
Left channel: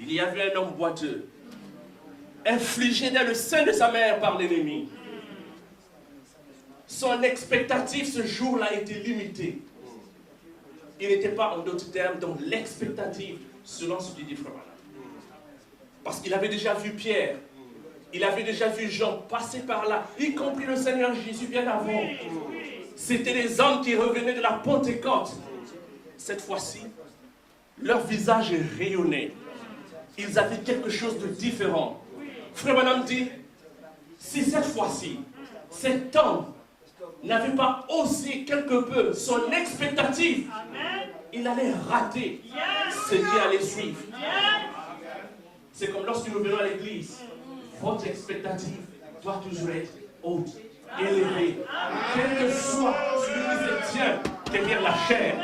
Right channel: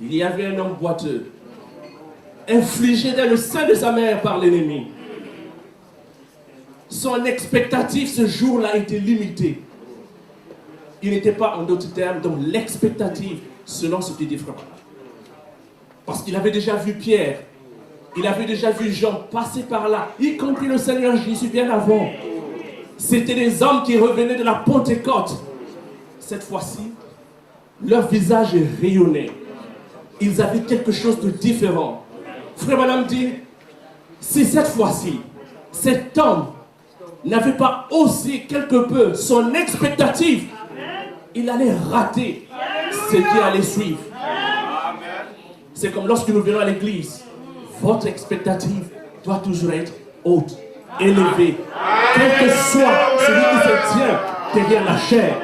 il y avait un homme boiteux, infligé dans le sein de sa mère par l'ennemi. Son expectative ce jour-là était limitée. Il n'était pas, en d'autres termes, dans l'expectative selon ce qu'il dit frère. Parce qu'il avait déjà vu Pierre, il avait déjà vu Jean passer par là, y compris le Seigneur Jésus bien avant. C'était des hommes qui revenaient de la Pentecôte. Cette fois-ci, leur visage rayonnait. Ils avaient quelque chose de différent. Frère Branham dit, si cette fois-ci, cet homme n'avait pas aussi quelque peu son expectative, il allait rater ce qui allait suivre. C'est comme lorsque nous venons à l'église, votre expectative doit toujours être haute, élevée, quel que soit celui qui se tient derrière la chair.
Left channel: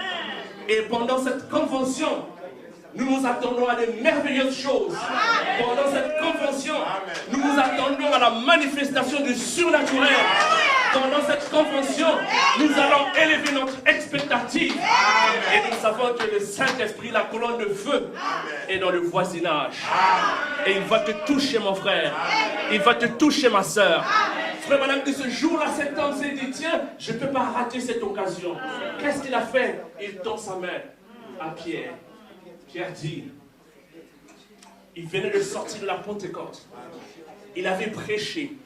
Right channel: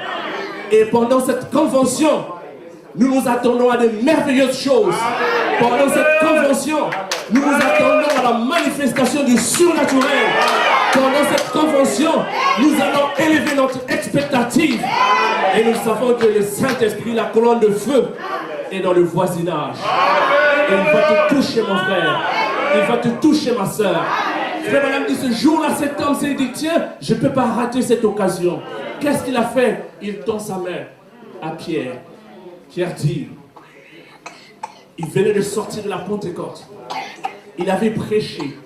Et pendant cette convention, nous nous attendons à de merveilleuses choses. Pendant cette convention, nous nous attendons à la manifestation du surnaturel. Pendant cette convention, nous allons élever notre expectative. Et nous savons que le Saint-Esprit, la colonne de feu, est dans le voisinage. Et il va te toucher, mon frère. Il va te toucher, ma soeur. Frère Branham dit, ce jour-là, cet homme s'est dit, tiens, je ne peux pas rater cette occasion. Qu'est-ce qu'il a fait? Il tend sa main à Pierre. Pierre dit, il venait de sortir de la Pentecôte. Il avait prêché.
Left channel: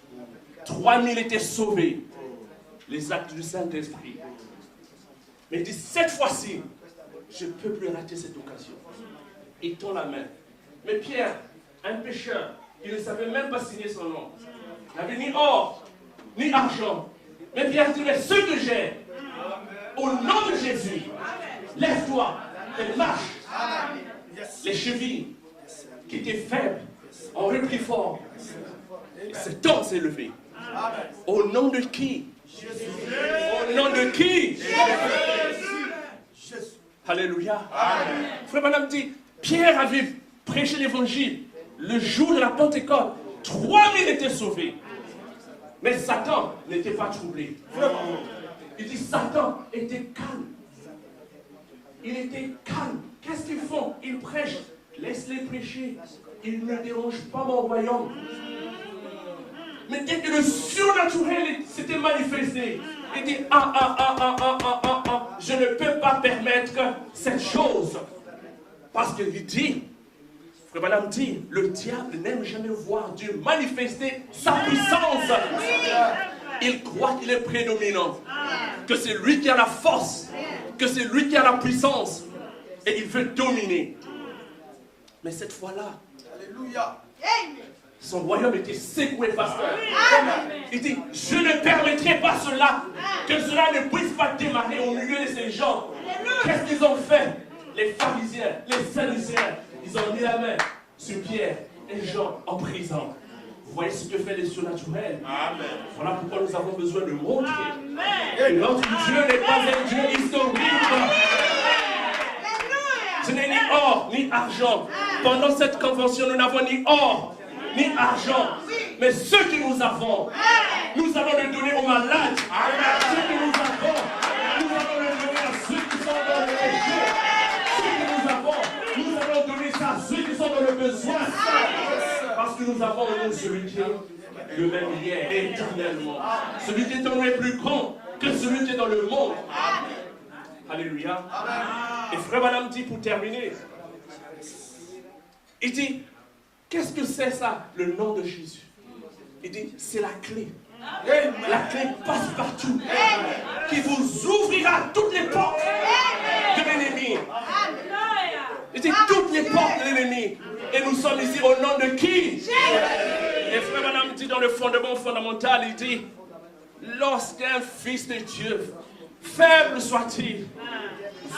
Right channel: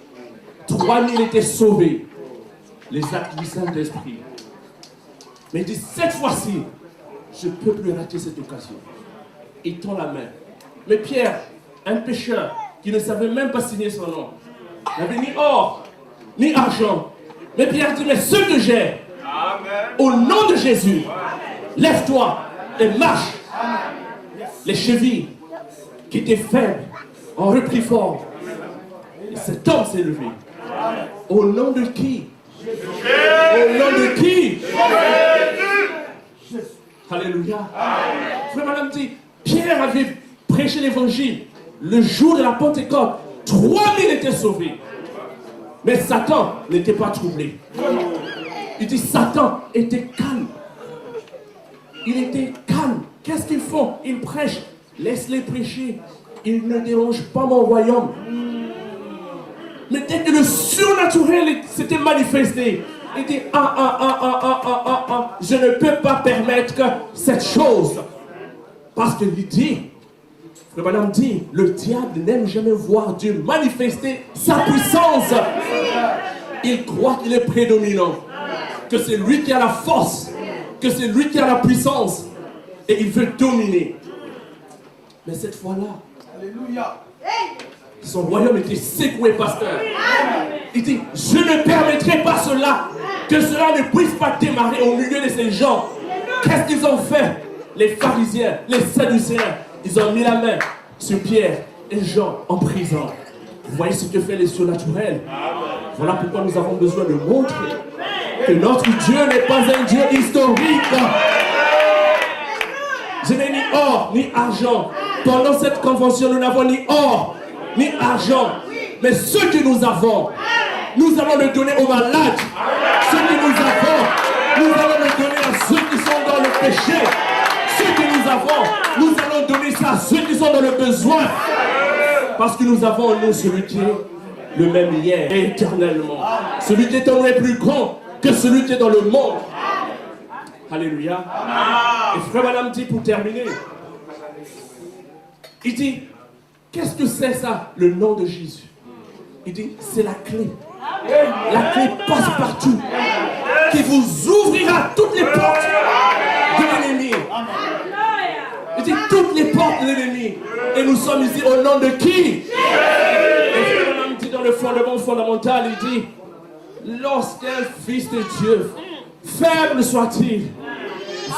3000 étaient sauvés. Les actes du Saint-Esprit. Mais il dit, cette fois-ci, je ne peux plus rater cette occasion. Il tend la main. Mais Pierre, un pécheur qui ne savait même pas signer son nom, n'avait ni or, ni argent. Mais Pierre dit, mais ce que j'ai, au nom de Jésus, lève-toi et marche. Les chevilles qui étaient faibles ont repris fort. Et cet homme s'est levé. Au nom de qui? Au nom de qui? Alléluia. Frère Branham dit, Pierre avait prêché l'évangile le jour de la Pentecôte. 3000 étaient sauvés. Mais Satan n'était pas troublé. Il dit, Satan était calme. Il était calme. Qu'est-ce qu'ils font? Ils prêchent. Laisse-les prêcher. Ils ne dérangent pas mon royaume. Mais dès que le surnaturel s'était manifesté, il dit, je ne peux pas permettre cette chose. Parce qu'il dit, Frère Branham dit, le diable n'aime jamais voir Dieu manifester sa puissance. Il croit qu'il est prédominant, que c'est lui qui a la force, que c'est lui qui a la puissance, et il veut dominer. Mais cette fois-là, alléluia, son royaume était secoué, pasteur. Il dit, je ne permettrai pas cela, que cela ne puisse pas démarrer au milieu de ces gens. Qu'est-ce qu'ils ont fait? Les pharisiens, les sadducéens, ils ont mis la main sur Pierre et Jean en prison. Vous voyez ce que fait les surnaturels? Voilà pourquoi nous avons besoin de montrer que notre Dieu n'est pas un Dieu historique. Je n'ai ni or, ni argent. Pendant cette convention, nous n'avons ni or, ni argent. Mais ce que nous avons, nous allons le donner aux malades. Ce que nous avons, nous allons le donner à ceux qui sont dans le péché. Ce que nous avons, nous allons donner ça à ceux qui sont dans le besoin. Parce que nous avons en nous celui qui est le même lien éternellement. Celui qui est en nous est plus grand que celui qui est dans le monde. Alléluia. Et frère Madame dit pour terminer, il dit, qu'est-ce que c'est ça, le nom de Jésus? Il dit, c'est la clé. La clé passe partout, qui vous ouvrira toutes les portes de l'ennemi. Il dit toutes les portes de l'ennemi. Et nous sommes ici au nom de qui? Et frère Madame dit dans le fondement fondamental, il dit, lorsqu'un fils de Dieu, faible soit-il,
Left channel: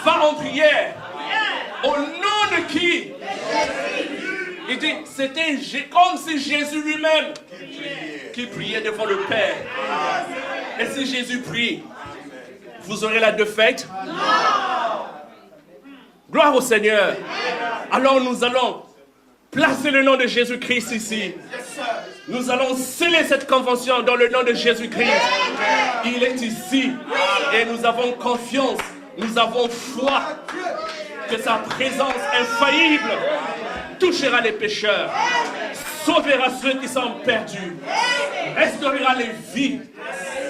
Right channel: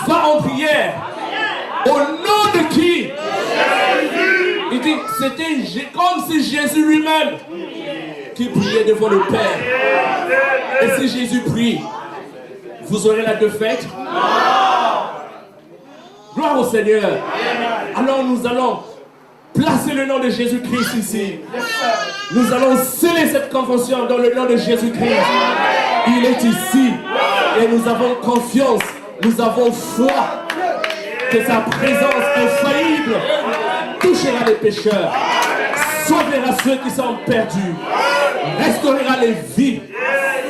va en prière. Au nom de qui? Il dit, c'était comme si Jésus lui-même qui priait devant le Père. Et si Jésus prie, vous aurez la défaite? Gloire au Seigneur. Alors nous allons placer le nom de Jésus-Christ ici. Nous allons sceller cette convention dans le nom de Jésus-Christ. Il est ici. Et nous avons confiance, nous avons foi que sa présence infaillible touchera les pécheurs, sauvera ceux qui sont perdus, restaurera les vies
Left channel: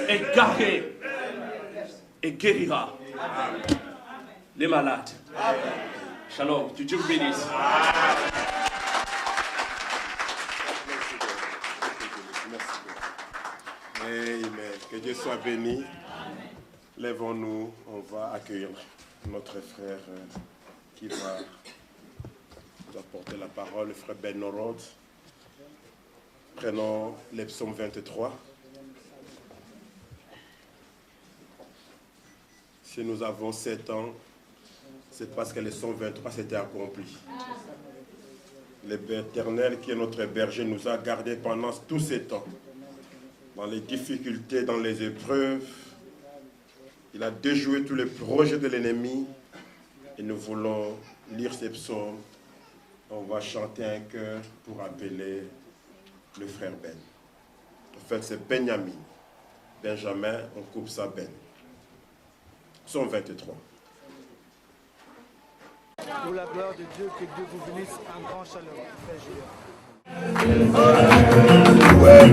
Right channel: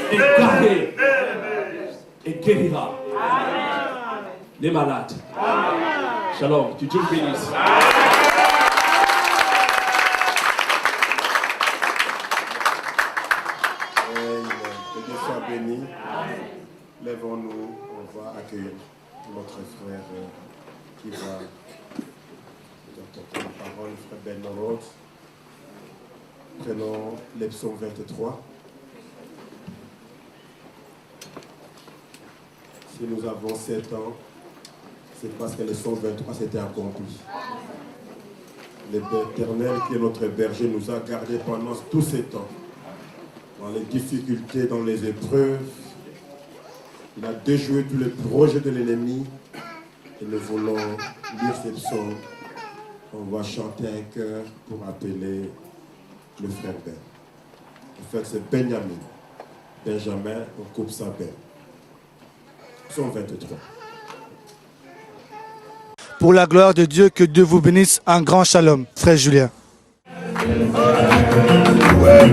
et gardera et guérira les malades. Shalom, que Dieu vous bénisse. Que Dieu soit béni. Lèvons-nous, on va accueillir notre frère qui va nous apporter la parole, le frère Ben Norod. Prenons les psaumes 23. Si nous avons 7 ans, c'est parce que le psaume 23 s'était accompli. L'Éternel, qui est notre berger, nous a gardés pendant tous ces temps, dans les difficultés, dans les épreuves. Il a déjoué tous les projets de l'ennemi et nous voulons lire ces psaumes. On va chanter un chœur pour appeler le frère Ben. Le frère c'est Benjamin. Benjamin, on coupe sa peine. Psaume 23. Pour la gloire de Dieu, que Dieu vous bénisse. Un grand shalom, frère Julien. Ouais.